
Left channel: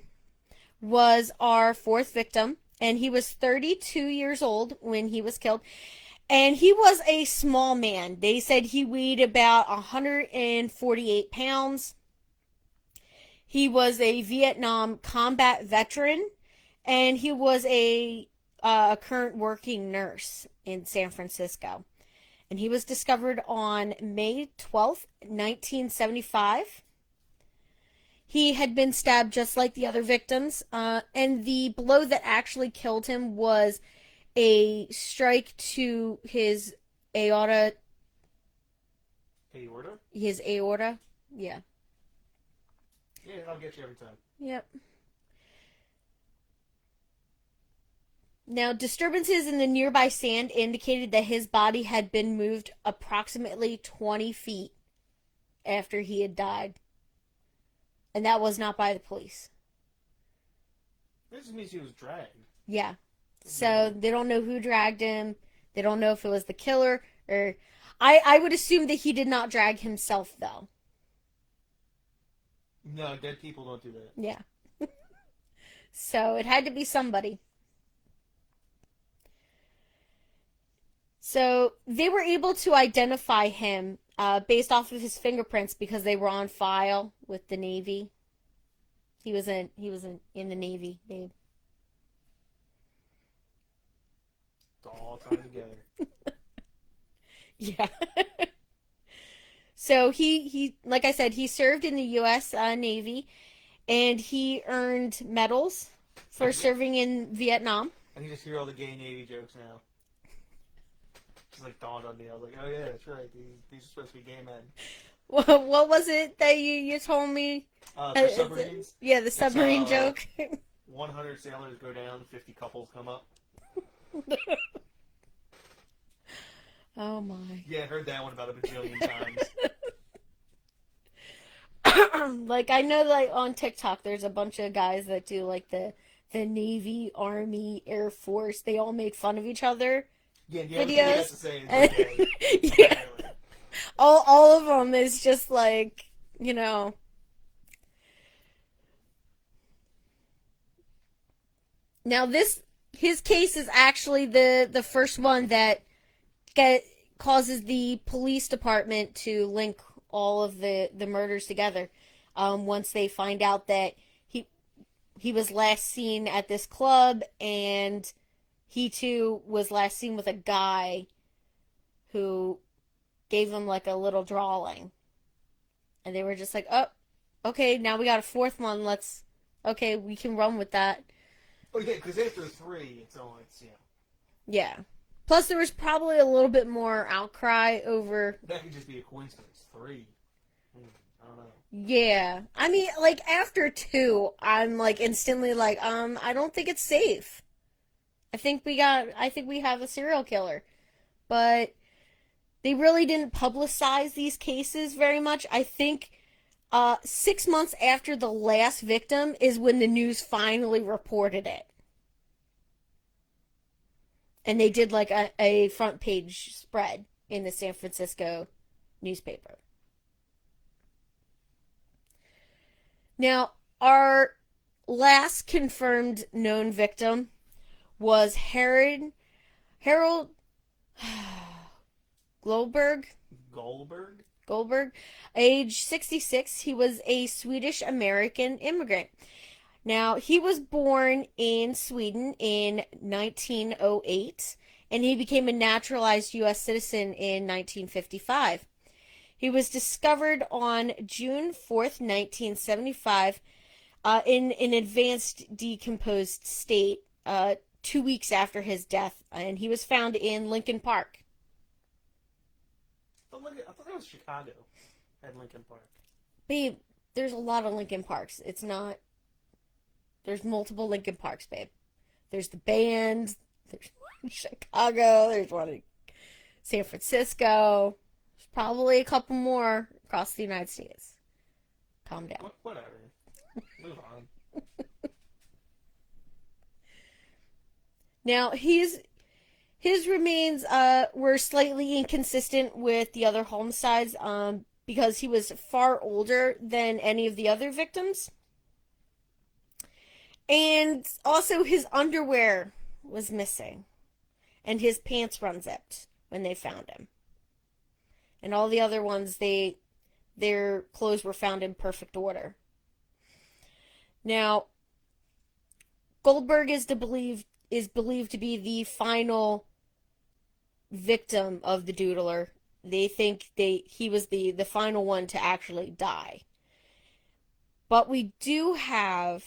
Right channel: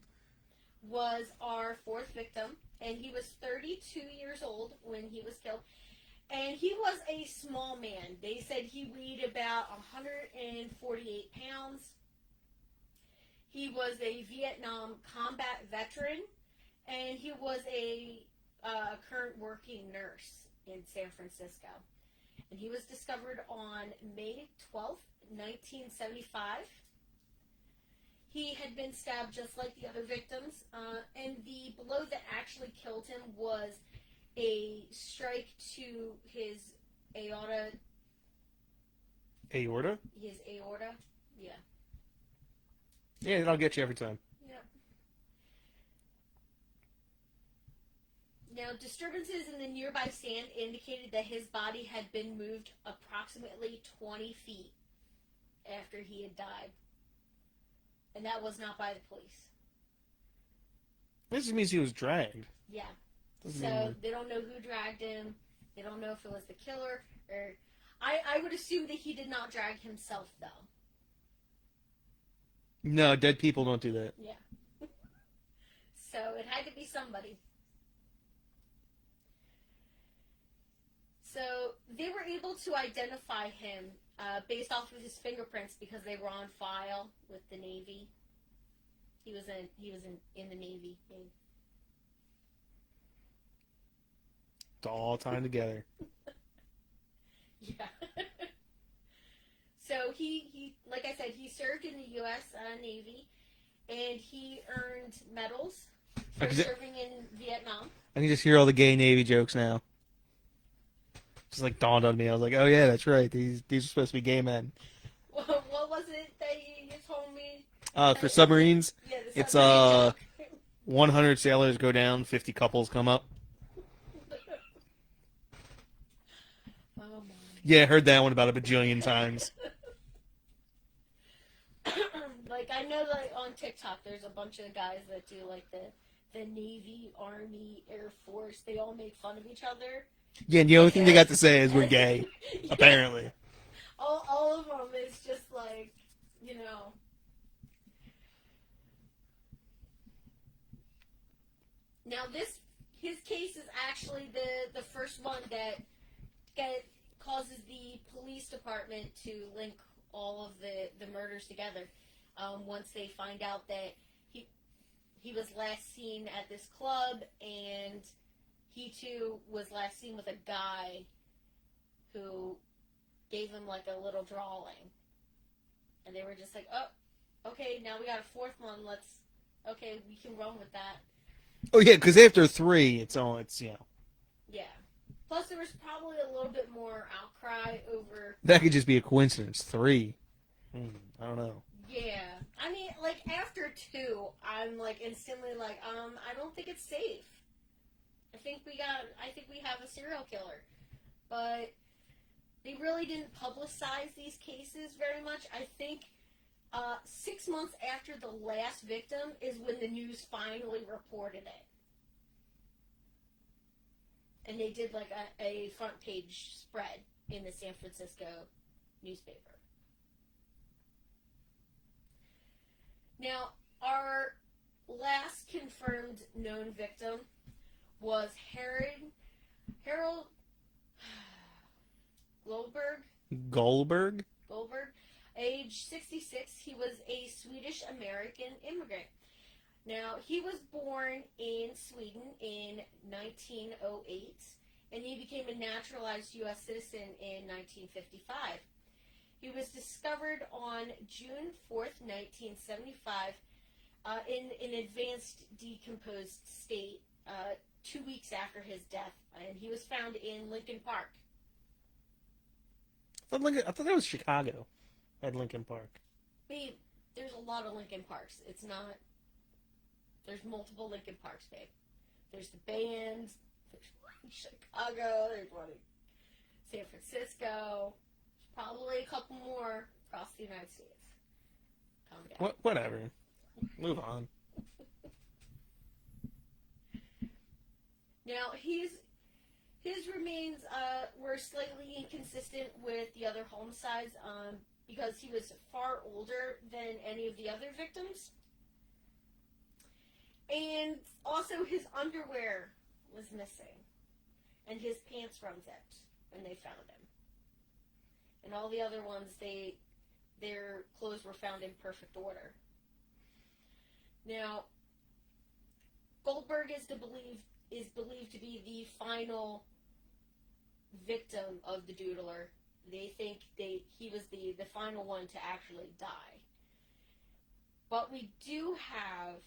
was our fourth victim, and he was 32 years old when he was killed. And he was a small man. They said he weighed about 148 pounds. He was a Vietnam combat veteran, and he was a current working nurse in San Francisco. And he was discovered on May 12th, 1975. He had been stabbed just like the other victims, and the blow that actually killed him was a strike to his aorta. Aorta? His aorta? Yeah. Yeah, that'll get you every time. Yep. Now, disturbances in the nearby sand indicated that his body had been moved approximately 20 feet after he had died. And that was not by the police. This just means he was dragged. Yeah. So they don't know who dragged him. They don't know if it was the killer or... I would assume that he did not drag himself, though. No, dead people don't do that. Yeah. So it had to be somebody. So they were able to identify him based off of his fingerprints because they were on file with the Navy. He was in the Navy, babe. It's all tied together. Yeah. So he like I said, he served in the U.S. Navy, and he earned medals for serving in Vietnam. I can just hear all the gay Navy jokes now. Just like dawned on me. I was like, oh yeah, that's right. These are supposed to be gay men. What was it that you told me? For submarines? Yeah, the submarine joke. 100 sailors go down, 50 couples come up. Oh my. Yeah, I heard that one about a bajillion times. Like, I know, like, on TikTok, there's a bunch of guys that do, like, the Navy, Army, Air Force. They all make fun of each other. Yeah, and the only thing they got to say is we're gay, Yeah. apparently. All of them is just, like, you know. Now, his case is actually the first one that causes the police department to link all of the murders together. Once they find out that he was last seen at this club, and he too was last seen with a guy who gave him like a little drawing, and they were just like, oh, okay, now we got a fourth one. Okay, we can run with that. Oh yeah, because after 3, it's Yeah. Plus, there was probably a little bit more outcry over... That could just be a coincidence. 3. I don't know. Yeah. I mean, like, after 2, I'm, like, instantly like, I don't think it's safe. I think we have a serial killer. But they really didn't publicize these cases very much. I think 6 months after the last victim is when the news finally reported it. And they did like a front page spread in the San Francisco newspaper. Now, our last confirmed known victim was Harold Goldberg, age 66. He was a Swedish-American immigrant. Now, he was born in Sweden in 1908, and he became a naturalized U.S. citizen in 1955. He was discovered on June 4th, 1975, in an advanced decomposed state 2 weeks after his death, and he was found in Lincoln Park. I thought that was Chicago at Lincoln Park. Babe, there's a lot of Lincoln Parks. It's not... There's multiple Lincoln Parks, babe. There's the band. There's one in Chicago. There's one in San Francisco. There's probably a couple more across the United States. Calm down. Whatever. Move on. Now, his remains were slightly inconsistent with the other homicides because he was far older than any of the other victims. And also his underwear was missing. And his pants were unzipped when they found him. And all the other ones, their clothes were found in perfect order. Now, Goldberg is believed to be the final victim of the Doodler. They think he was the final one to actually die. But we do have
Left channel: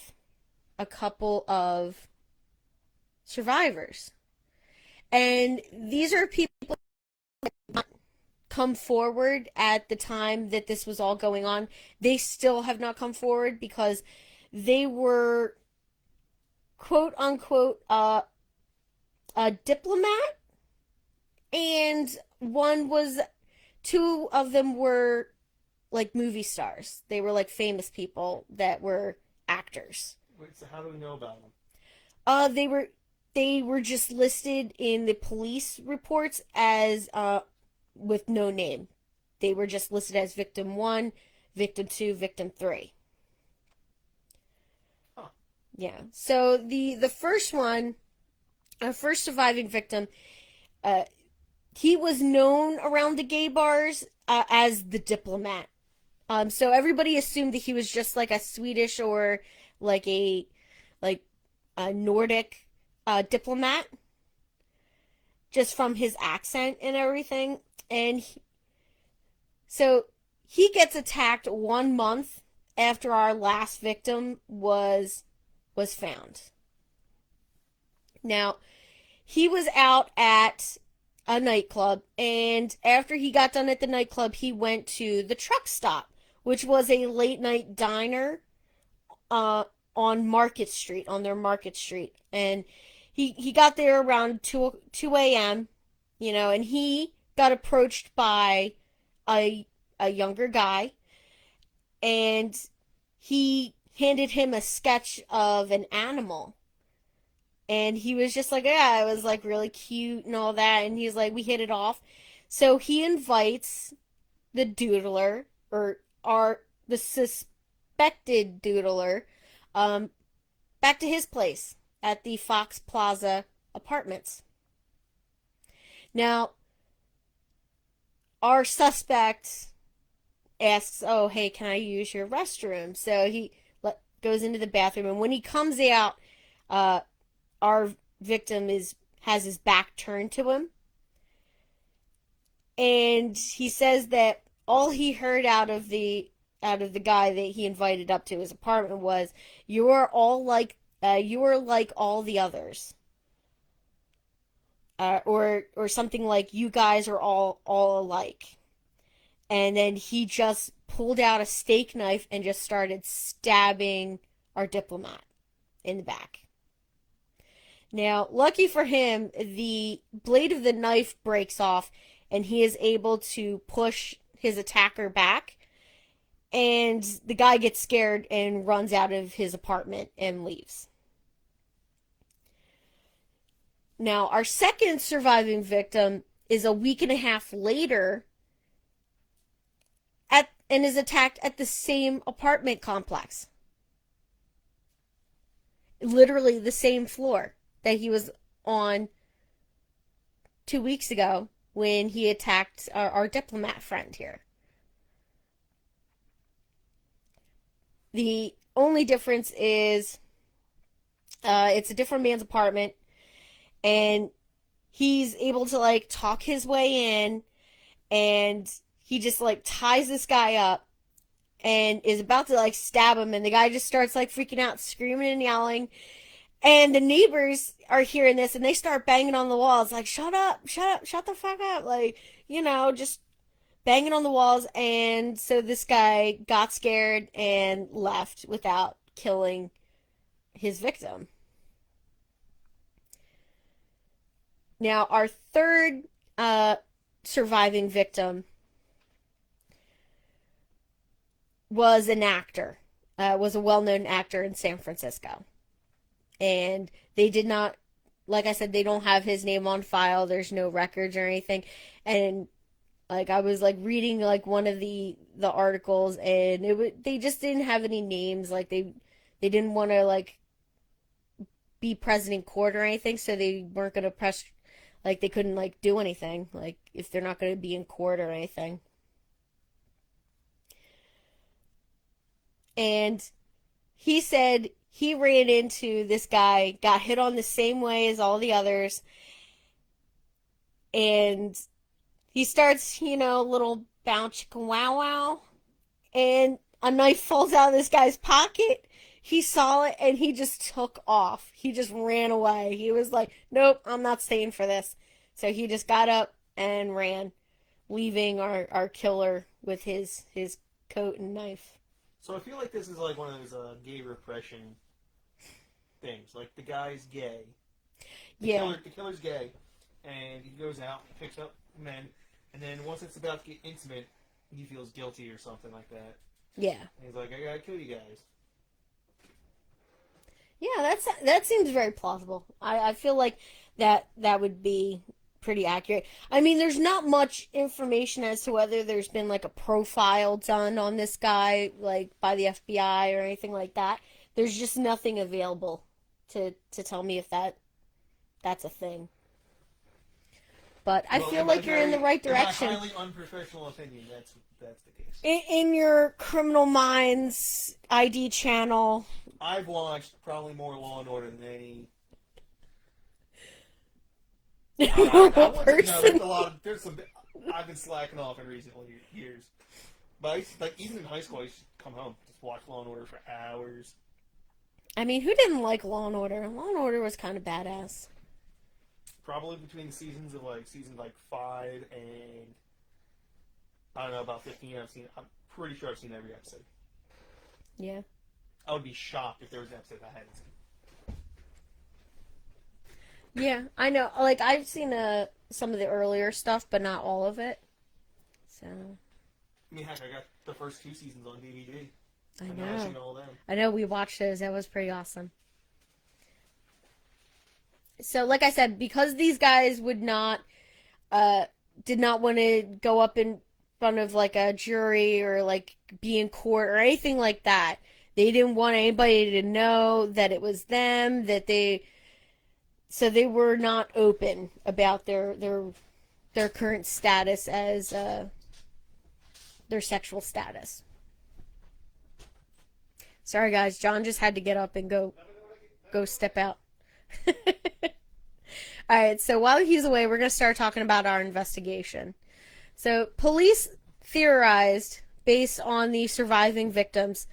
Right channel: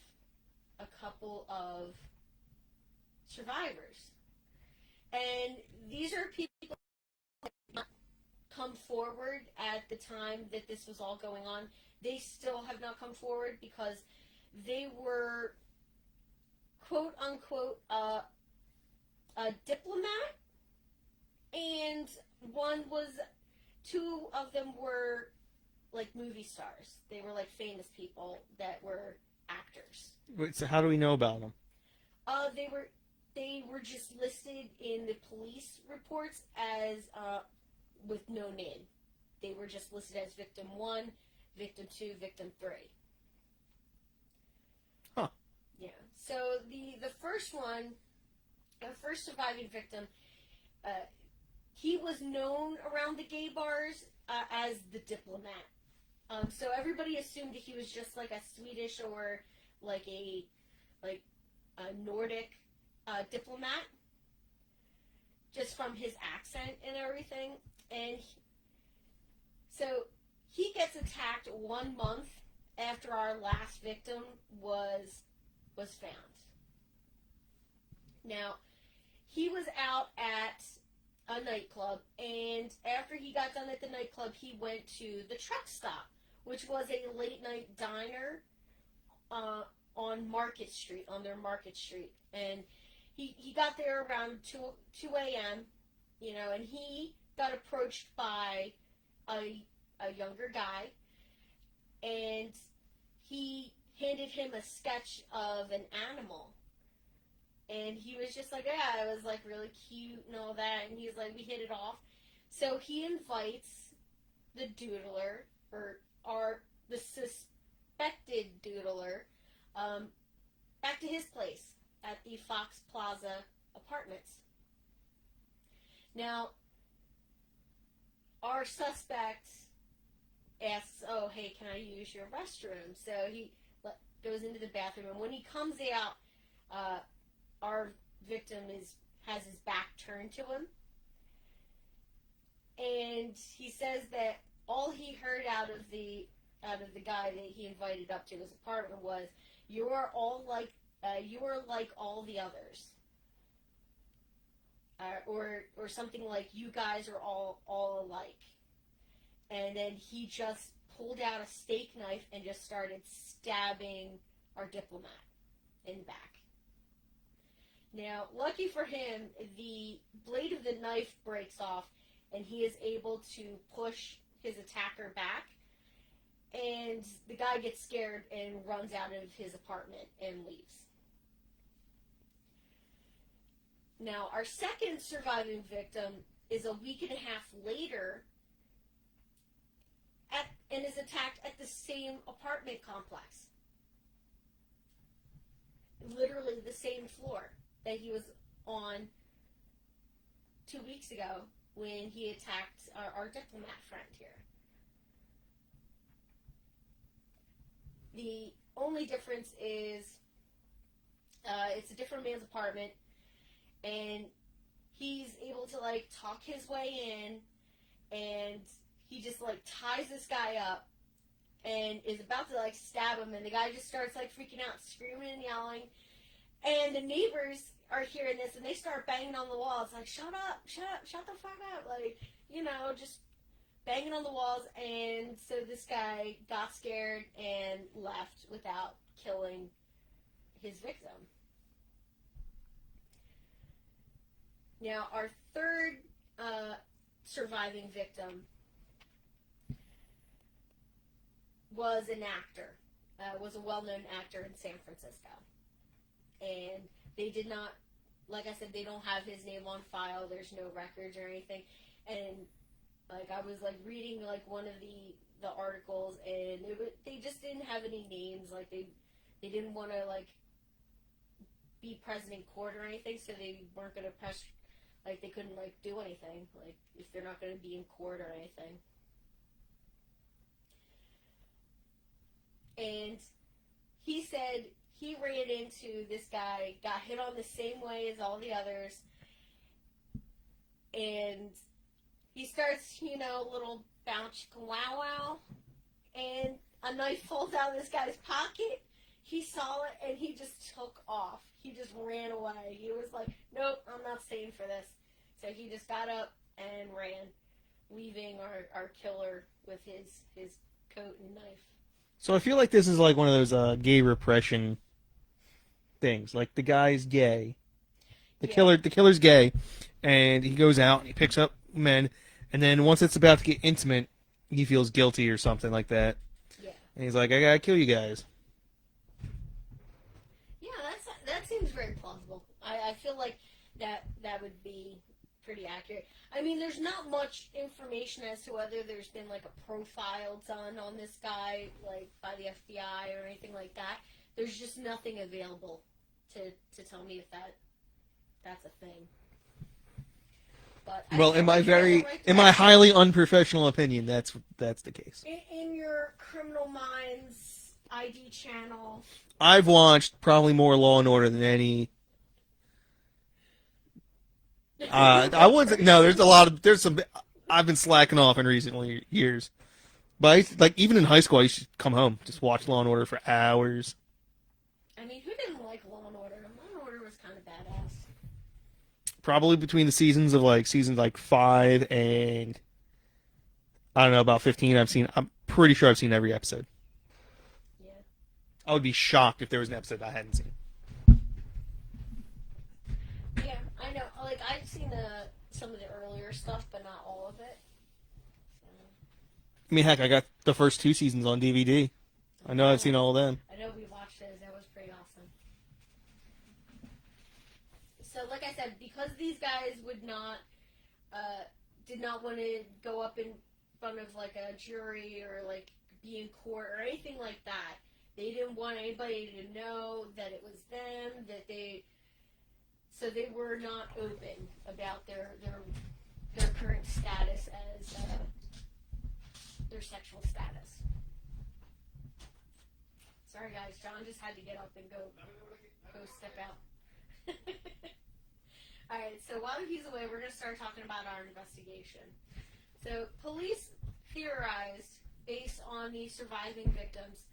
a couple of survivors. And these are people who have come forward at the time that this was all going on. They still have not come forward because they were quote unquote a diplomat, and two of them were like movie stars. They were like famous people that were actors. Wait, so how do we know about them? They were just listed in the police reports as with no name. They were just listed as victim 1, victim 2, victim 3. Huh. Yeah. So the first one, our first surviving victim, he was known around the gay bars as the diplomat. So everybody assumed that he was just like a Swedish or like a Nordic diplomat, just from his accent and everything. And so he gets attacked 1 month after our last victim was found. Now, he was out at a nightclub, and after he got done at the nightclub, he went to the truck stop, which was a late night diner on Market Street, on their Market Street. And he got there around 2 a.m., and he got approached by a younger guy, and he handed him a sketch of an animal. And he was just like, yeah, it was like really cute and all that. And he's like, we hit it off. So he invites the Doodler, or the suspected Doodler, back to his place at the Fox Plaza Apartments. Now, our suspect asks, oh, hey, can I use your restroom? So he goes into the bathroom, and when he comes out, our victim has his back turned to him, and he says that all he heard out of the guy that he invited up to his apartment was, you are like all the others, or something like, you guys are all alike. And then he just pulled out a steak knife and just started stabbing our diplomat in the back. Now, lucky for him, the blade of the knife breaks off, and he is able to push his attacker back. And the guy gets scared and runs out of his apartment and leaves. Now, our second surviving victim is a week and a half later and is attacked at the same apartment complex. Literally the same floor that he was on 2 weeks ago when he attacked our diplomat friend here. The only difference is it's a different man's apartment, and he's able to like talk his way in, and he just like ties this guy up and is about to like stab him, and the guy just starts like freaking out, screaming and yelling. And the neighbors are hearing this, and they start banging on the walls like, shut up, shut the fuck up, like, just banging on the walls. And so this guy got scared and left without killing his victim. Now, our third surviving victim was an actor, was a well-known actor in San Francisco. And they did not, like I said, they don't have his name on file. There's no records or anything. And like I was like reading like one of the articles, and they just didn't have any names. Like they didn't want to like be present in court or anything, so they weren't going to press, like, they couldn't, like, do anything, like, if they're not going to be in court or anything. And he said he ran into this guy, got hit on the same way as all the others, and he starts, a little bounce chicka wow wow, and a knife falls out of this guy's pocket. He saw it and he just took off. He just ran away. He was like, nope, I'm not staying for this. So he just got up and ran, leaving our killer with his coat and knife. So I feel like this is like one of those gay repression things. Like the guy's gay. The killer's gay, and he goes out and he picks up men, and then once it's about to get intimate, he feels guilty or something like that. Yeah. And he's like, I gotta kill you guys. Yeah, that seems very plausible. I feel like that would be pretty accurate. I mean, there's not much information as to whether there's been like a profile done on this guy, like by the FBI or anything like that. There's just nothing available to tell me if that's a thing. But I feel like you're in the right direction. In my highly unprofessional opinion, that's the case. In your Criminal Minds ID channel, I've watched probably more Law and Order than any. I wasn't. No, there's some. I've been slacking off in recent years, but even in high school, I used to come home just watch Law and Order for hours. I mean, who didn't like Law and Order? Law and Order was kind of badass. Probably between the seasons 5 and I don't know, about 15. I'm pretty sure I've seen every episode. Yeah. I would be shocked if there was an episode I hadn't seen. Yeah, I know. Like, I've seen some of the earlier stuff, but not all of it. So. I mean, heck, I got the first 2 seasons on DVD. I know I've seen all of them. I know we watched those. That was pretty awesome. So, like I said, because these guys did not want to go up in front of like a jury or like be in court or anything like that. They didn't want anybody to know that it was them. So they were not open about their current status as their sexual status. Sorry, guys. John just had to get up and go step out. All right, so while he's away, we're going to start talking about our investigation. So police theorized, based on the surviving victims,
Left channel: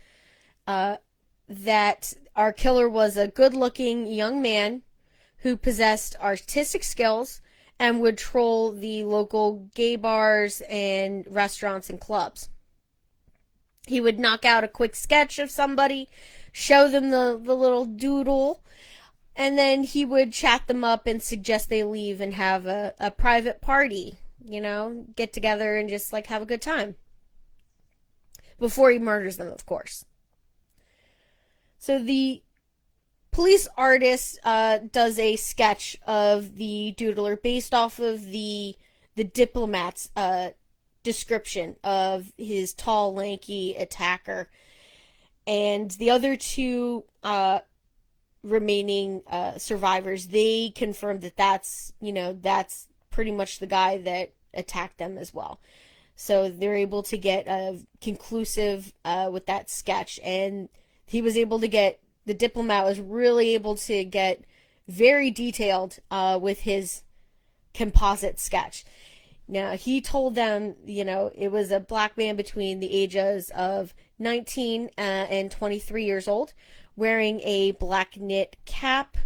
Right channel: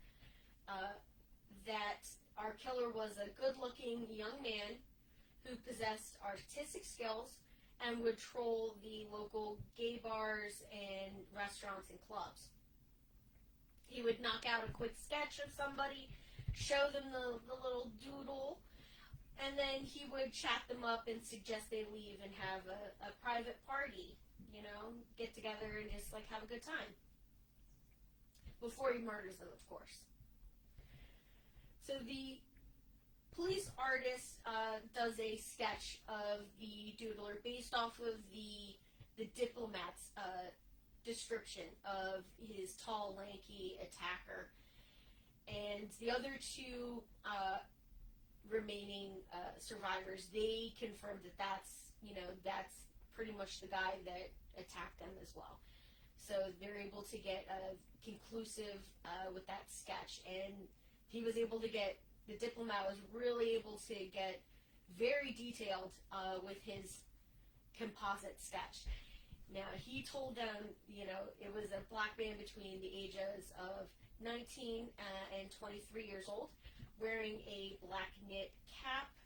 that our killer was a good-looking young man who possessed artistic skills and would troll the local gay bars and restaurants and clubs. He would knock out a quick sketch of somebody, show them the little doodle, and then he would chat them up and suggest they leave and have a private party, get together and just like have a good time. Before he murders them, of course. So the police artist does a sketch of the Doodler based off of the diplomat's description of his tall, lanky attacker. And the other 2 remaining survivors, they confirmed that that's pretty much the guy that attacked them as well. So they're able to get conclusive with that sketch, and he was able to get, the diplomat was really able to get very detailed with his composite sketch. Now, he told them, it was a black man between the ages of 19 and 23 years old, wearing a black knit cap.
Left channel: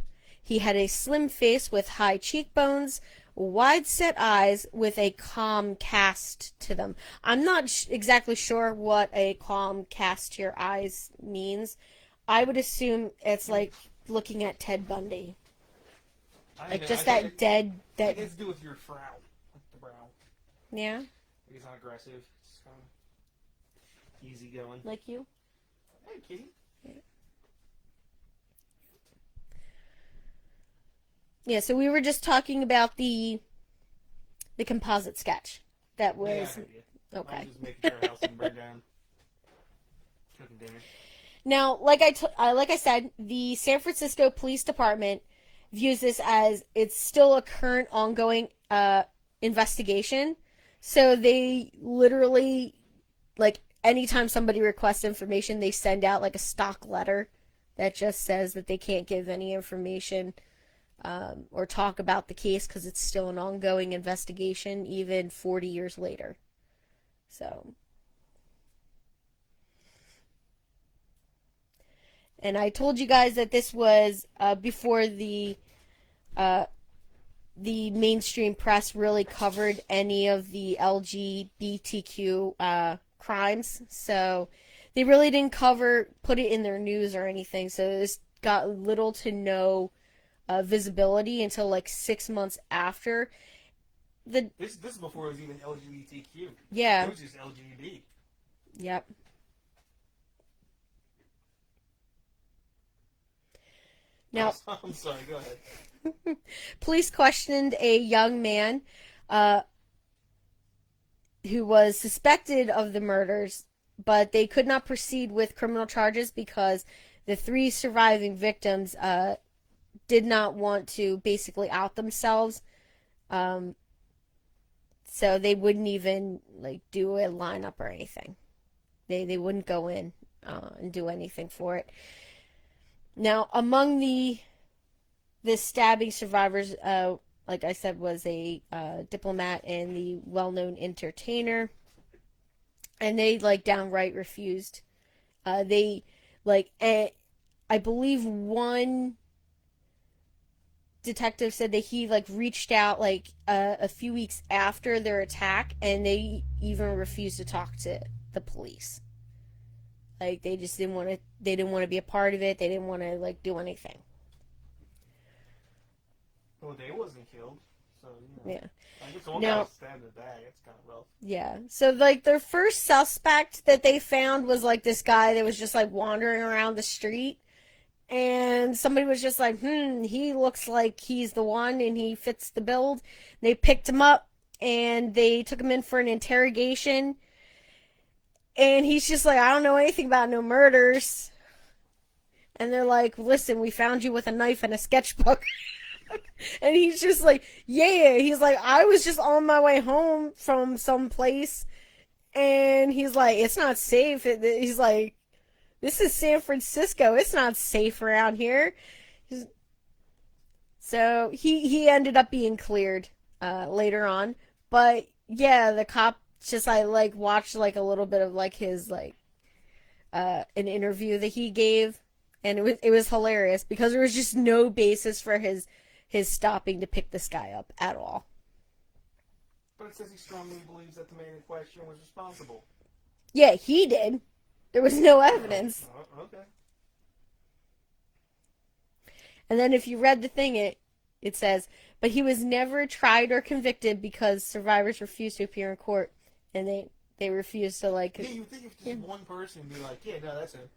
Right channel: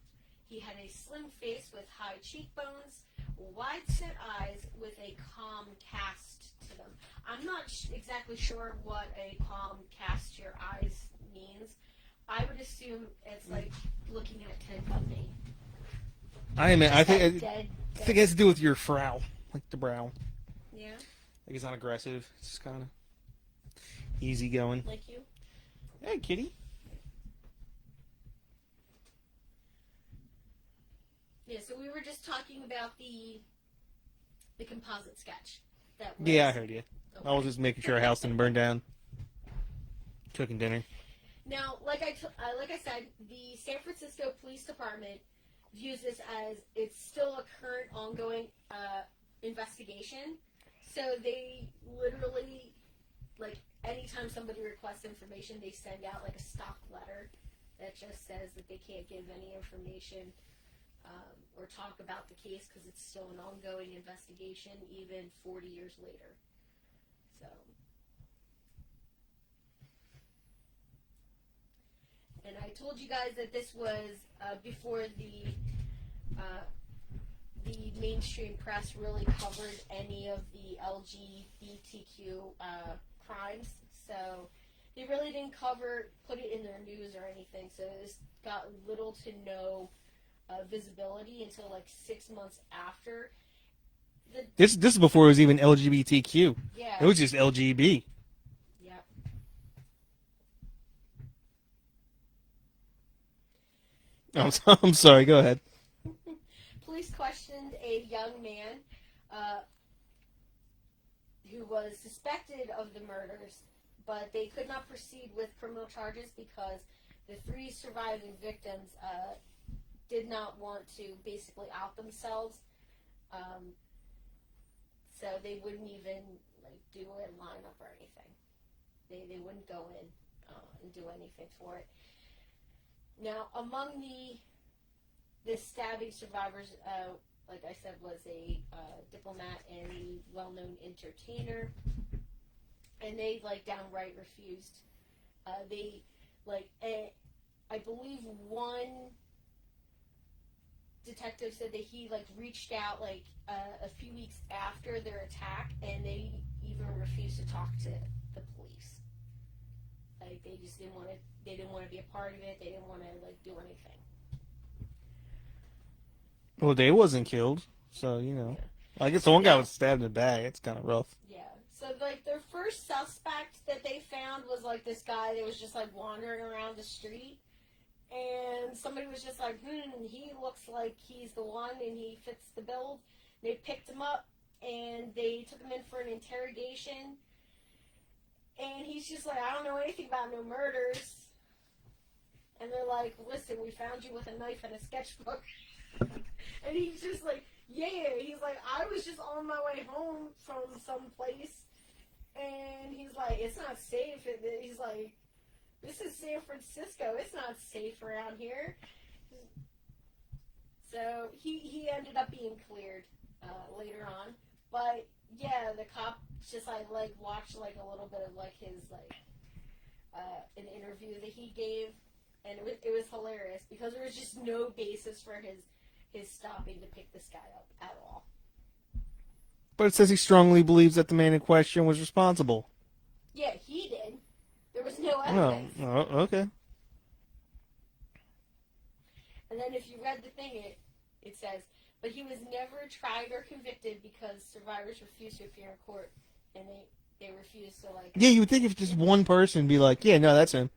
He had a slim face with high cheekbones, wide-set eyes with a calm cast to them. I'm not exactly sure what a calm cast to your eyes means. I would assume it's like looking at Ted Bundy. I think it has to do with your frown, like the brow. Yeah? Like it's not aggressive. It's just kind of easygoing. Like you? Hey, kitty. Yeah, so we were just talking about the composite sketch. That was... Yeah, I heard you. Okay. I was just making sure our house didn't burn down. Cooking dinner. Now, like I said, the San Francisco Police Department views this as it's still a current ongoing investigation. So they literally, like, anytime somebody requests information, they send out like a stock letter that just says that they can't give any information or talk about the case because it's still an ongoing investigation, even 40 years later. So, and I told you guys that this was before uh, the mainstream press really covered any of the LGBTQ crimes. So they really didn't put it in their news or anything. So this got little to no visibility until like 6 months after. This is before it was even LGBTQ. It Yeah. was just LGB. Yep. Now, I'm sorry. Go ahead. police questioned a young man uh, who was suspected of the murders, but they could not proceed with criminal charges because the three surviving victims did not want to basically out themselves. Um, so they wouldn't even like do a lineup or anything. They wouldn't go in and do anything for it. Now, among the stabbing survivors, like I said, was a diplomat and the well-known entertainer, and they like downright refused. They like, I believe one detective said that he like reached out like a few weeks after their attack, and they even refused to talk to the police. Like they just didn't want to. They didn't want to be a part of it. They didn't want to like do anything. Well, they wasn't killed, so Yeah. I guess the one guy Now, was stabbed in the back. It's kind of rough. yeah. So like their first suspect that they found was like this guy that was just like wandering around the street, and somebody was just like, he looks like he's the one and he fits the build. They picked him up and they took him in for an interrogation, and he's just like, I don't know anything about no murders. And they're like, listen, we found you with a knife and a sketchbook. And he's just like, yeah. He's like, I was just on my way home from some place. And he's like, it's not safe. He's like, this is San Francisco. It's not safe around here. So he ended up being cleared later on. But yeah, the cop just I like watched like a little bit of like his like an interview that he gave, and it was hilarious because there was just no basis for his stopping to pick this guy up at all. But it says he strongly believes that the man in question was responsible. Yeah, he did. There was no evidence. Oh, okay. And then if you read the thing, it says, but he was never tried or convicted because survivors refused to appear in court, and they refused to like. Yeah, you would think if just one person be like, yeah, no, that's him.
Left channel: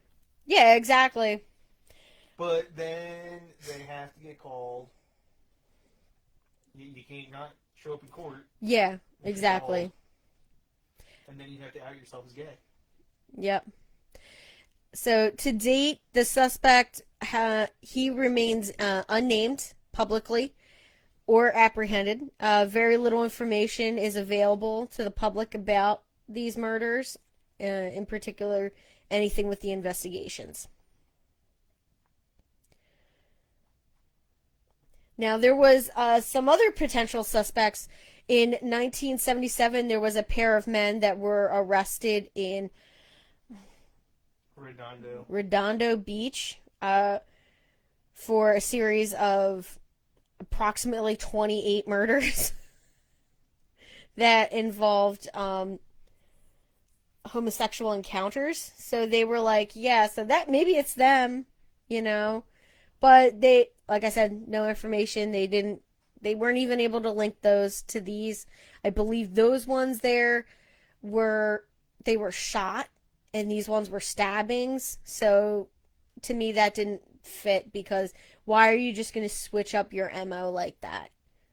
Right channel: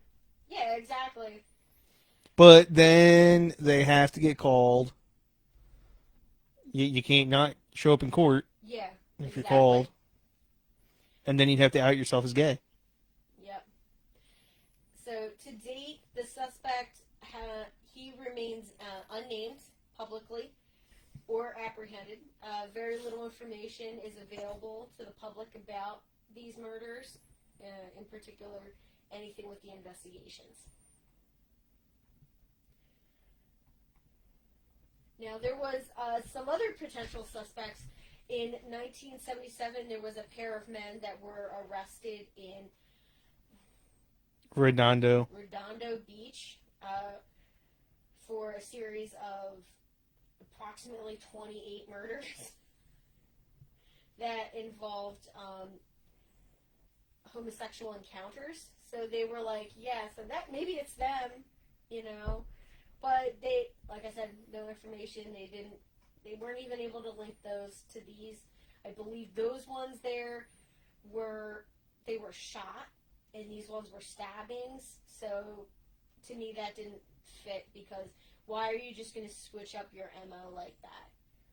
Yeah, exactly. But then they have to get called. You can't not show up in court. Yeah, if you're exactly. called. And then you'd have to out yourself as gay. Yep. So to date, the suspect he remains unnamed publicly or apprehended. Very little information is available to the public about these murders, in particular, anything with the investigations. Now, there was some other potential suspects. In 1977, there was a pair of men that were arrested in Redondo Beach for a series of approximately 28 murders that involved homosexual encounters. So they were like, yeah, so that maybe it's them, you know. But they, like I said, no information. They weren't even able to link those to these. I believe those ones they were shot, and these ones were stabbings. So to me that didn't fit, because why are you just going to switch up your MO like that?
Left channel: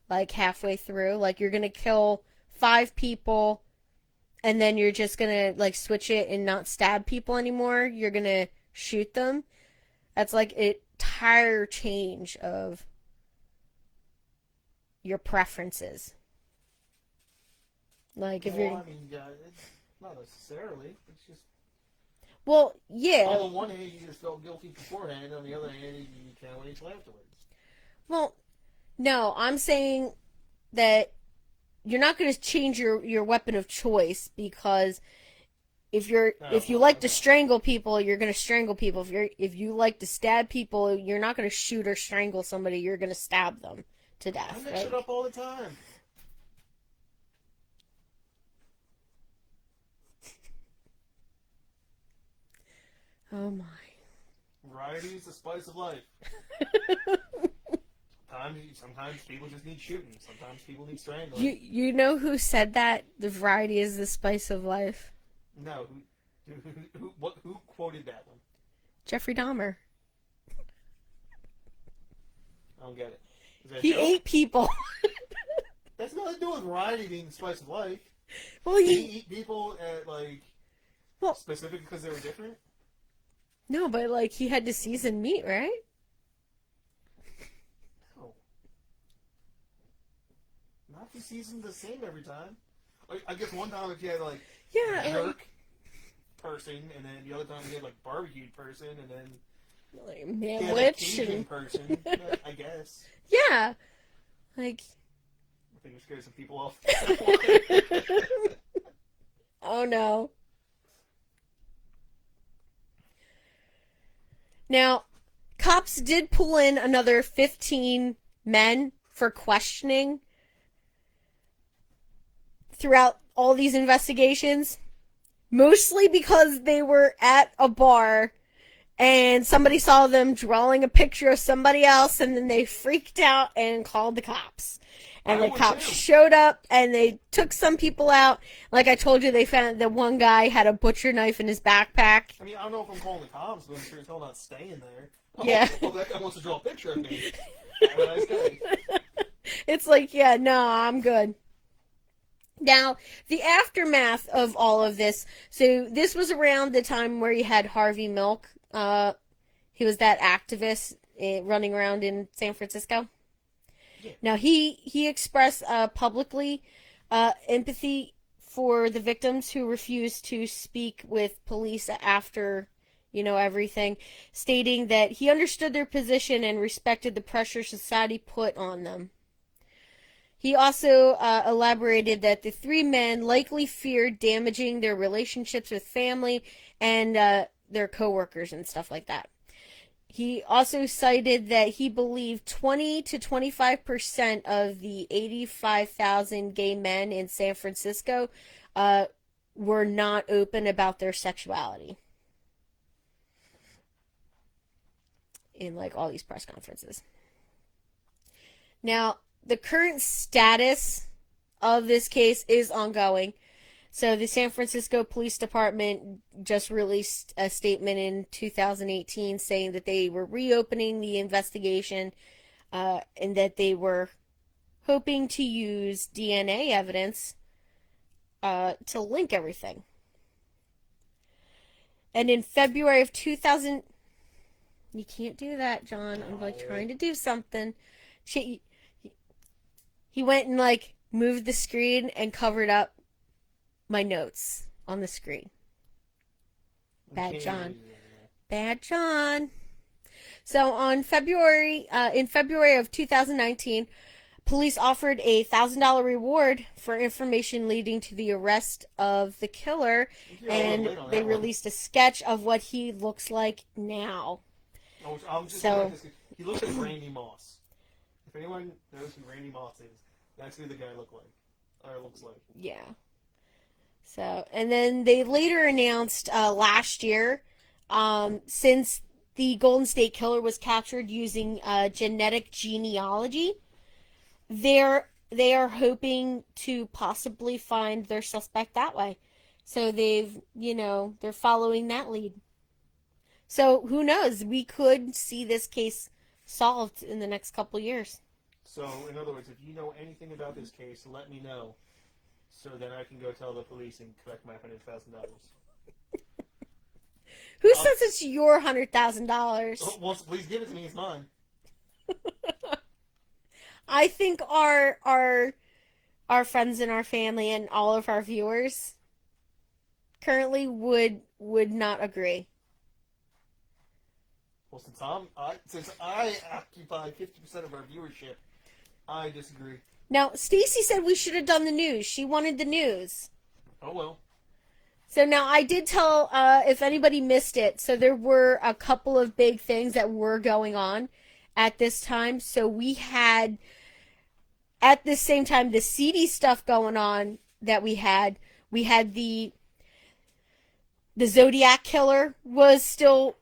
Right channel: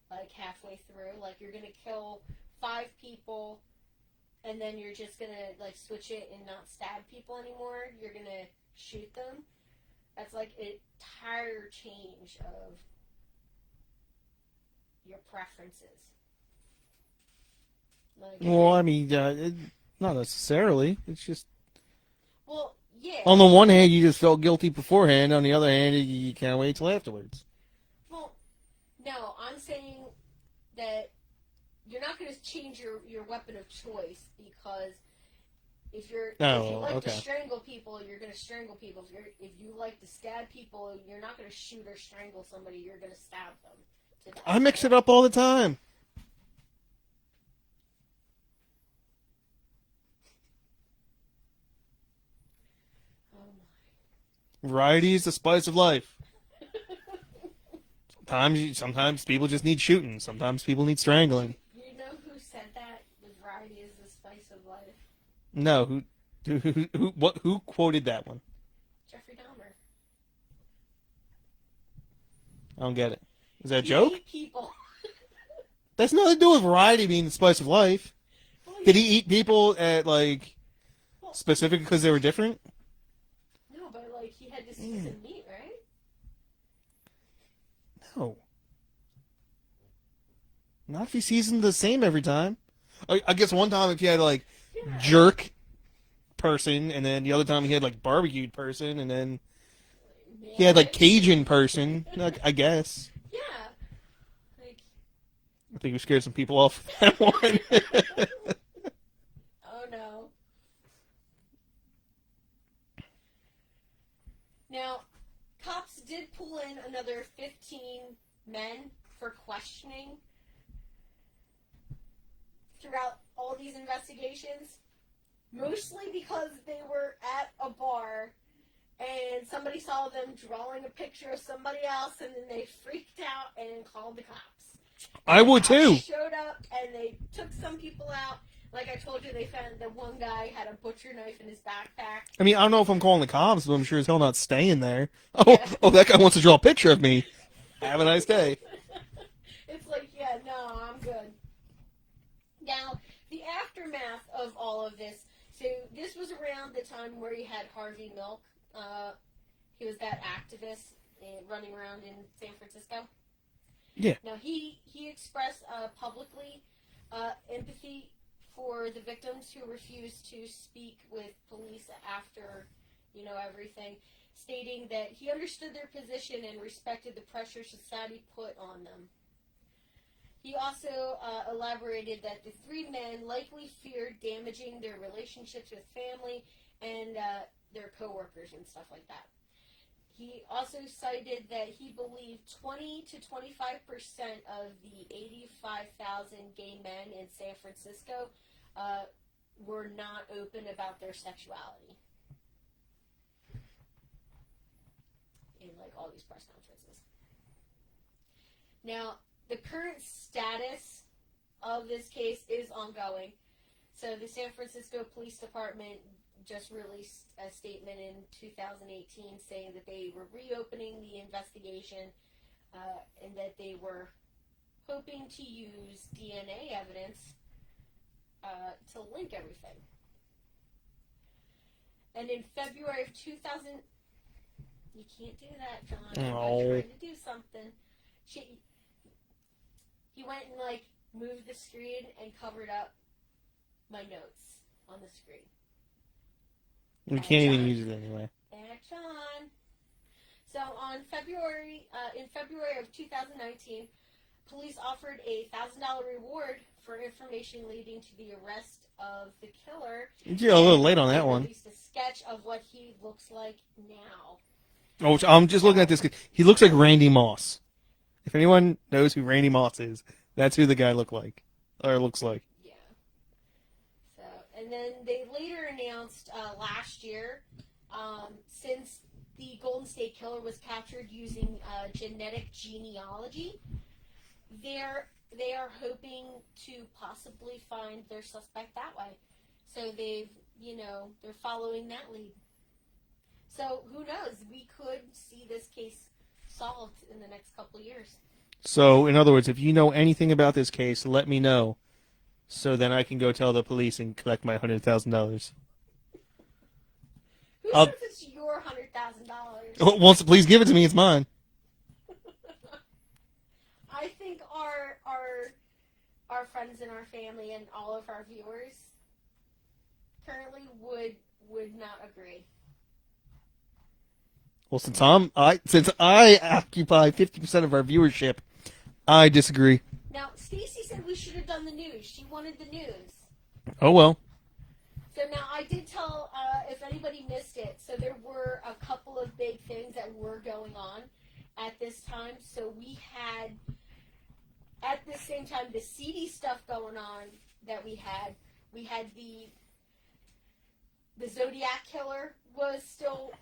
Like halfway through, like you're going to kill 5 people and then you're just going to like switch it and not stab people anymore. You're going to shoot them, that's like an entire change of your preferences. Like, if Well, you're, I mean, not necessarily. It's just well, yeah. on the one hand, you just felt guilty beforehand. On the other hand, you can't wait till afterwards. Well, no, I'm saying that you're not going to change your weapon of choice, because if you like to Okay. strangle people, you're going to strangle people. If you like to stab people, you're not going to shoot or strangle somebody. You're going to stab them to death. I mix right? it up all the time. Oh my. Variety is the spice of life. Sometimes people just need shooting. Sometimes people need strangling. You know who said that? The variety is the spice of life. No, who quoted that one? Jeffrey Dahmer. I don't get it. Is that a He joke? ate people. That's nothing to do with variety being the spice of life. Well, Did he eat people at Well- specific because they were different? No, but like he had to season meat, right? No. Not if he seasoned the same every time. I guess one time if you had Yeah. jerk person, and then the other time he had barbecued person, and then he had Cajun person. I guess. Yeah. Like. I think we scared some people off with that one. Oh no. Now, cops did pull in another 15 men for questioning throughout all these investigations, mostly because they were at a bar and somebody saw them drawing a picture of somebody else, and then they freaked out and called the cops. And I the would cops too. Showed up and they took some people out. Like I told you, they found that one guy had a butcher knife in his backpack. I mean, I don't know if I'm calling the cops, but I'm sure as hell not staying there. Oh, Yeah. oh, that guy wants to draw a picture of me. Have a nice day. It's like, yeah, no, I'm good. Now, the aftermath of all of this. So this was around the time where you had Harvey Milk. He was that activist running around in San Francisco. Yeah. Now he expressed publicly empathy for the victims who refused to speak with police after, everything, stating that he understood their position and respected the pressure society put on them. He also elaborated that the three men likely feared damaging their relationships with family and their coworkers and stuff like that. He also cited that he believed 20 to 25% of the 85,000 gay men in San Francisco were not open about their sexuality in all these press conferences. Now, the current status of this case is ongoing. So the San Francisco Police Department just released a statement in 2018 saying that they were reopening the investigation and that they were hoping to use DNA evidence to link everything. And in February of 2000... You can't do that, John. I'm trying to do something. He went and moved the screen and covered up my notes on the screen. You Bad can't John. even use it anyway. Bad John. So in February of 2019, police offered a $1,000 reward for information leading to the arrest of the killer. You're a little late on that one. They released a sketch of what he looks like now. Oh, I'm just looking at this. He looks like Randy Moss. If anyone knows who Randy Moss is, that's who the guy looks like. Yeah. So, and then they later announced last year, since the Golden State Killer was captured using genetic genealogy, they are hoping to possibly find their suspect that way. So they're following that lead. So who knows? We could see this case solved in the next couple years. So, in other words, if you know anything about this case, let me know, so then I can go tell the police and collect my $100,000. Who says it's your $100,000? Well, please give it to me. It's mine. I think our friends and our family and all of our viewers currently would not agree. Well, since I occupy 50% of our viewership, I disagree. Now, Stacy said we should have done the news. She wanted the news. Oh well. So now I did tell, if anybody missed it, so there were a couple of big things that were going on at this time. So we had, at the same time, the seedy stuff going on that we had the Zodiac Killer was still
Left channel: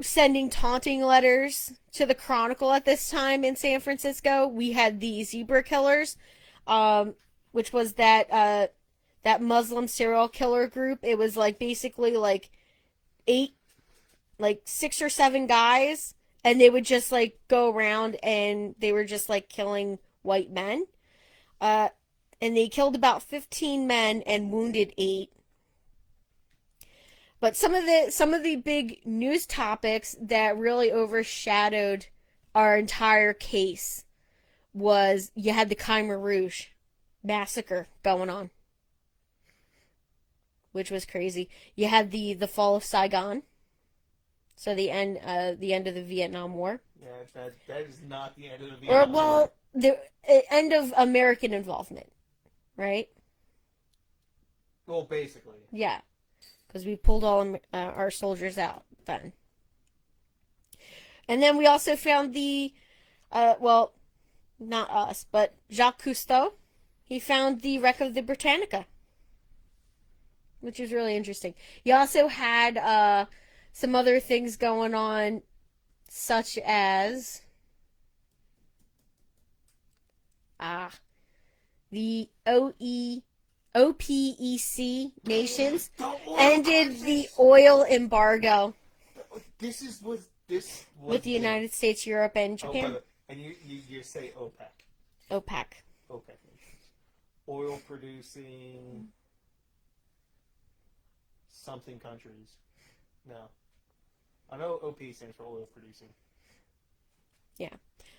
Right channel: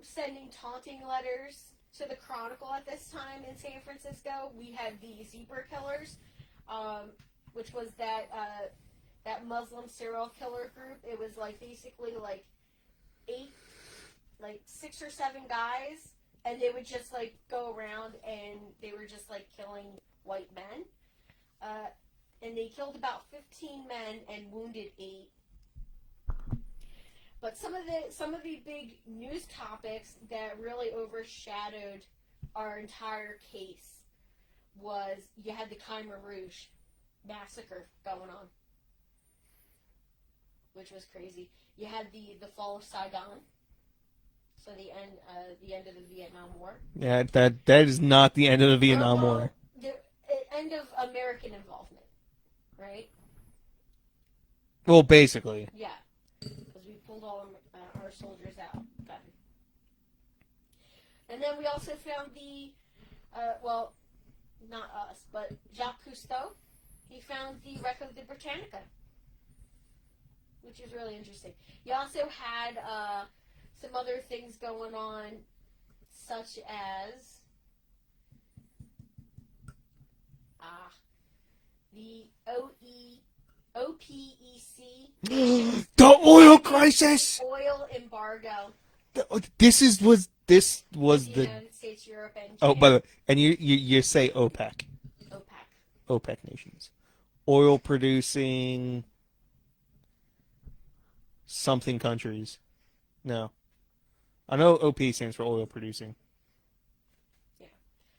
sending taunting letters to the Chronicle at this time in San Francisco. We had the Zebra Killers, which was that Muslim serial killer group. It was like basically like 6 or 7 guys, and they would just like go around and they were just like killing white men. And they killed about 15 men and wounded 8. But some of the big news topics that really overshadowed our entire case was you had the Khmer Rouge massacre going on, which was crazy. You had the fall of Saigon, so the end of the Vietnam War. Yeah, that is not the end of the Vietnam War. The end of American involvement, right? Well, basically. Yeah. Because we pulled all our soldiers out then. And then we also found not us, but Jacques Cousteau. He found the wreck of the Britannica, which is really interesting. He also had some other things going on, such as the OPEC nations. The oil crisis. The oil embargo. This was with the United States, Europe, and Japan. Oh, by the way, and you say OPEC. OPEC nations, oil producing something countries. No, I know OP stands for oil producing. Yeah.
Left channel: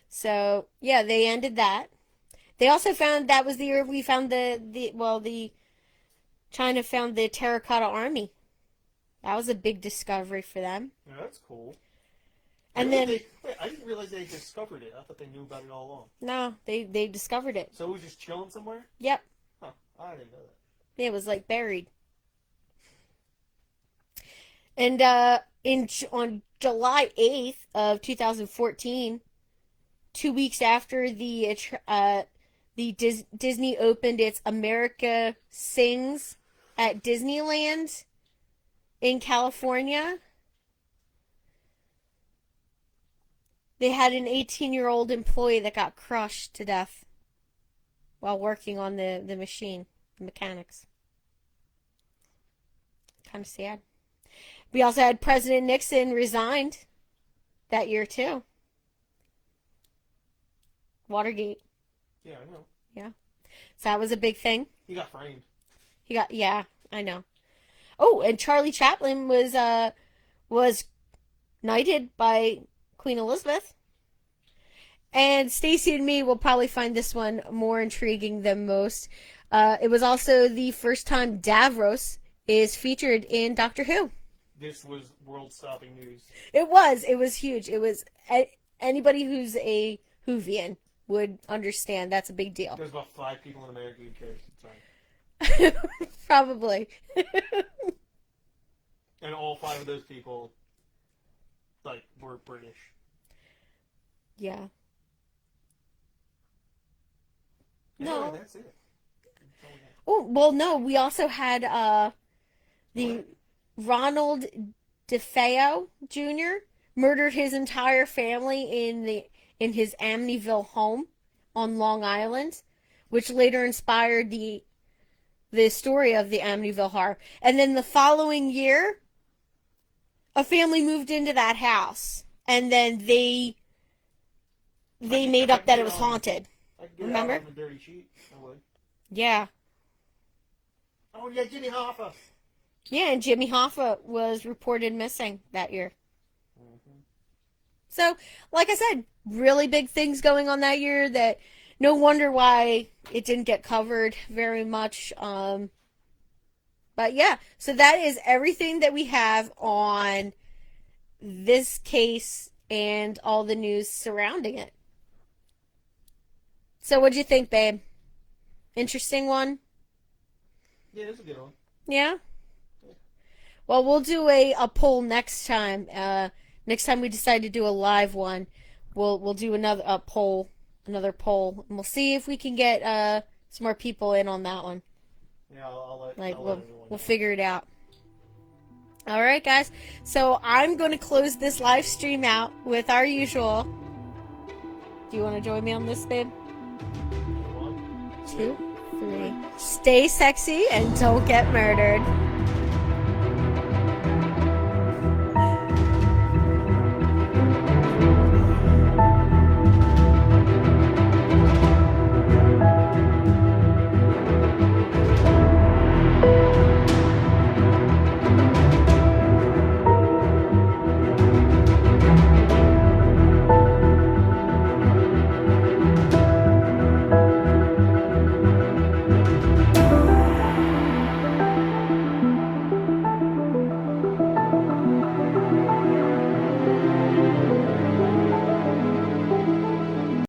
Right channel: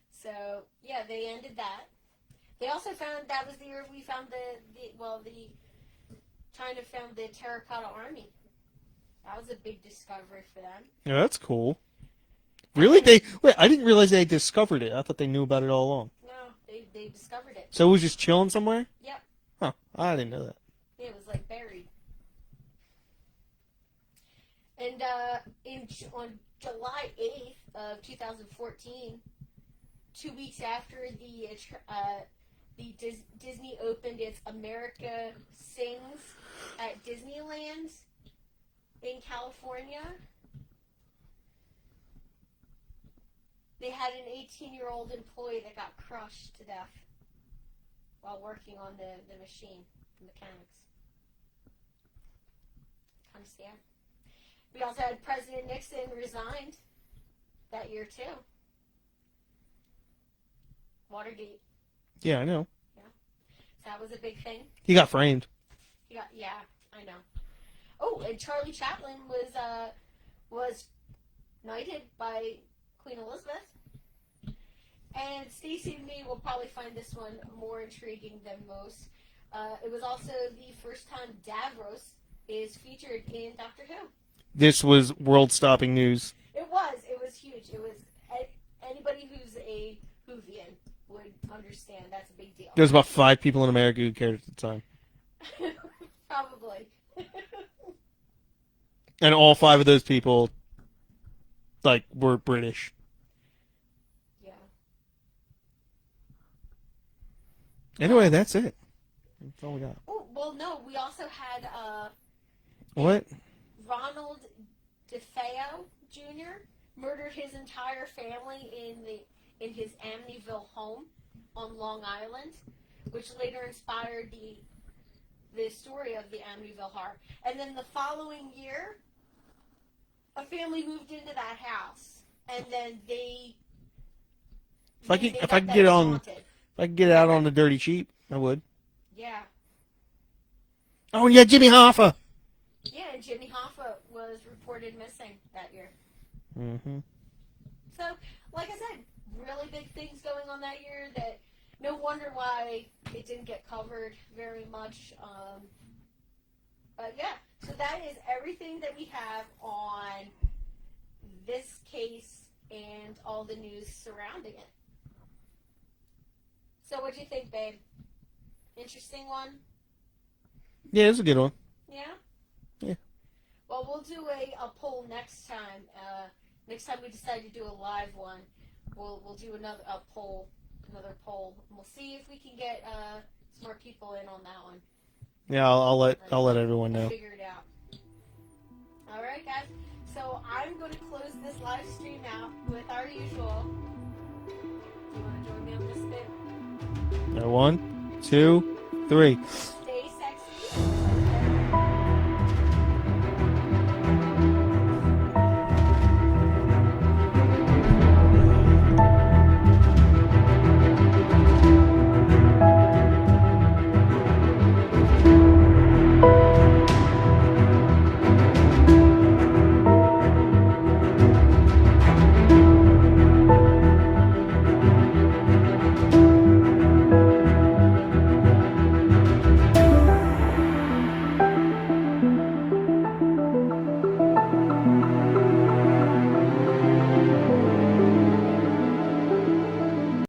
So yeah, they ended that. They also found that was the year we found the China found the Terracotta Army. That was a big discovery for them. Yeah, that's cool. And Really? I didn't realize they discovered it. I thought they knew about it all along. No, they discovered it. So it was just chilling somewhere? Yep. Huh. I didn't know that. It was like buried. And on July 8th of 2014, 2 weeks after the Disney opened its America Sings at Disneyland in California, they had an 18-year-old employee that got crushed to death while working on the machine, the mechanics. Kind of sad. We also had President Nixon resigned that year too. Watergate. Yeah, I know. Yeah. So that was a big thing. He got framed. Yeah, I know. Oh, and Charlie Chaplin was knighted by Queen Elizabeth. And Stacy and me will probably find this one more intriguing than most. It was also the first time Davros is featured in Doctor Who. This was world-stopping news. It was huge. It was, anybody who's a Whovian would understand that's a big deal. There was about 5 people in America who cared at the time. Probably. And all 5 of those people, were British. Yeah. Anyway, that's it. That's all we got. Oh, well, no, we also had What? Ronald DeFeo Jr. murdered his entire family in his Amityville home on Long Island, which later inspired the story of the Amityville Horror. And then the following year, a family moved into that house, and then they made up that it was haunted. If I could get it out on the dirty cheap, I would. Yeah. Oh, yeah, Jimmy Hoffa. Yeah, and Jimmy Hoffa was reported missing that year. Mm-hmm. So, like I said, really big things going on that year that no wonder why it didn't get covered very much. But yeah, so that is everything that we have on this case and all the news surrounding it. So, what'd you think, babe? Interesting one? Yeah, it's a good one. Yeah? Yeah. Well, we'll do a poll next time. Next time we decide to do a live one, we'll do another poll, and we'll see if we can get some more people in on that one. Yeah, I'll let everyone know. We'll figure it out. All right, guys. So I'm going to close this live stream out with our usual. Do you want to join me on this, babe? 1, 2, 3. Stay sexy and don't get murdered.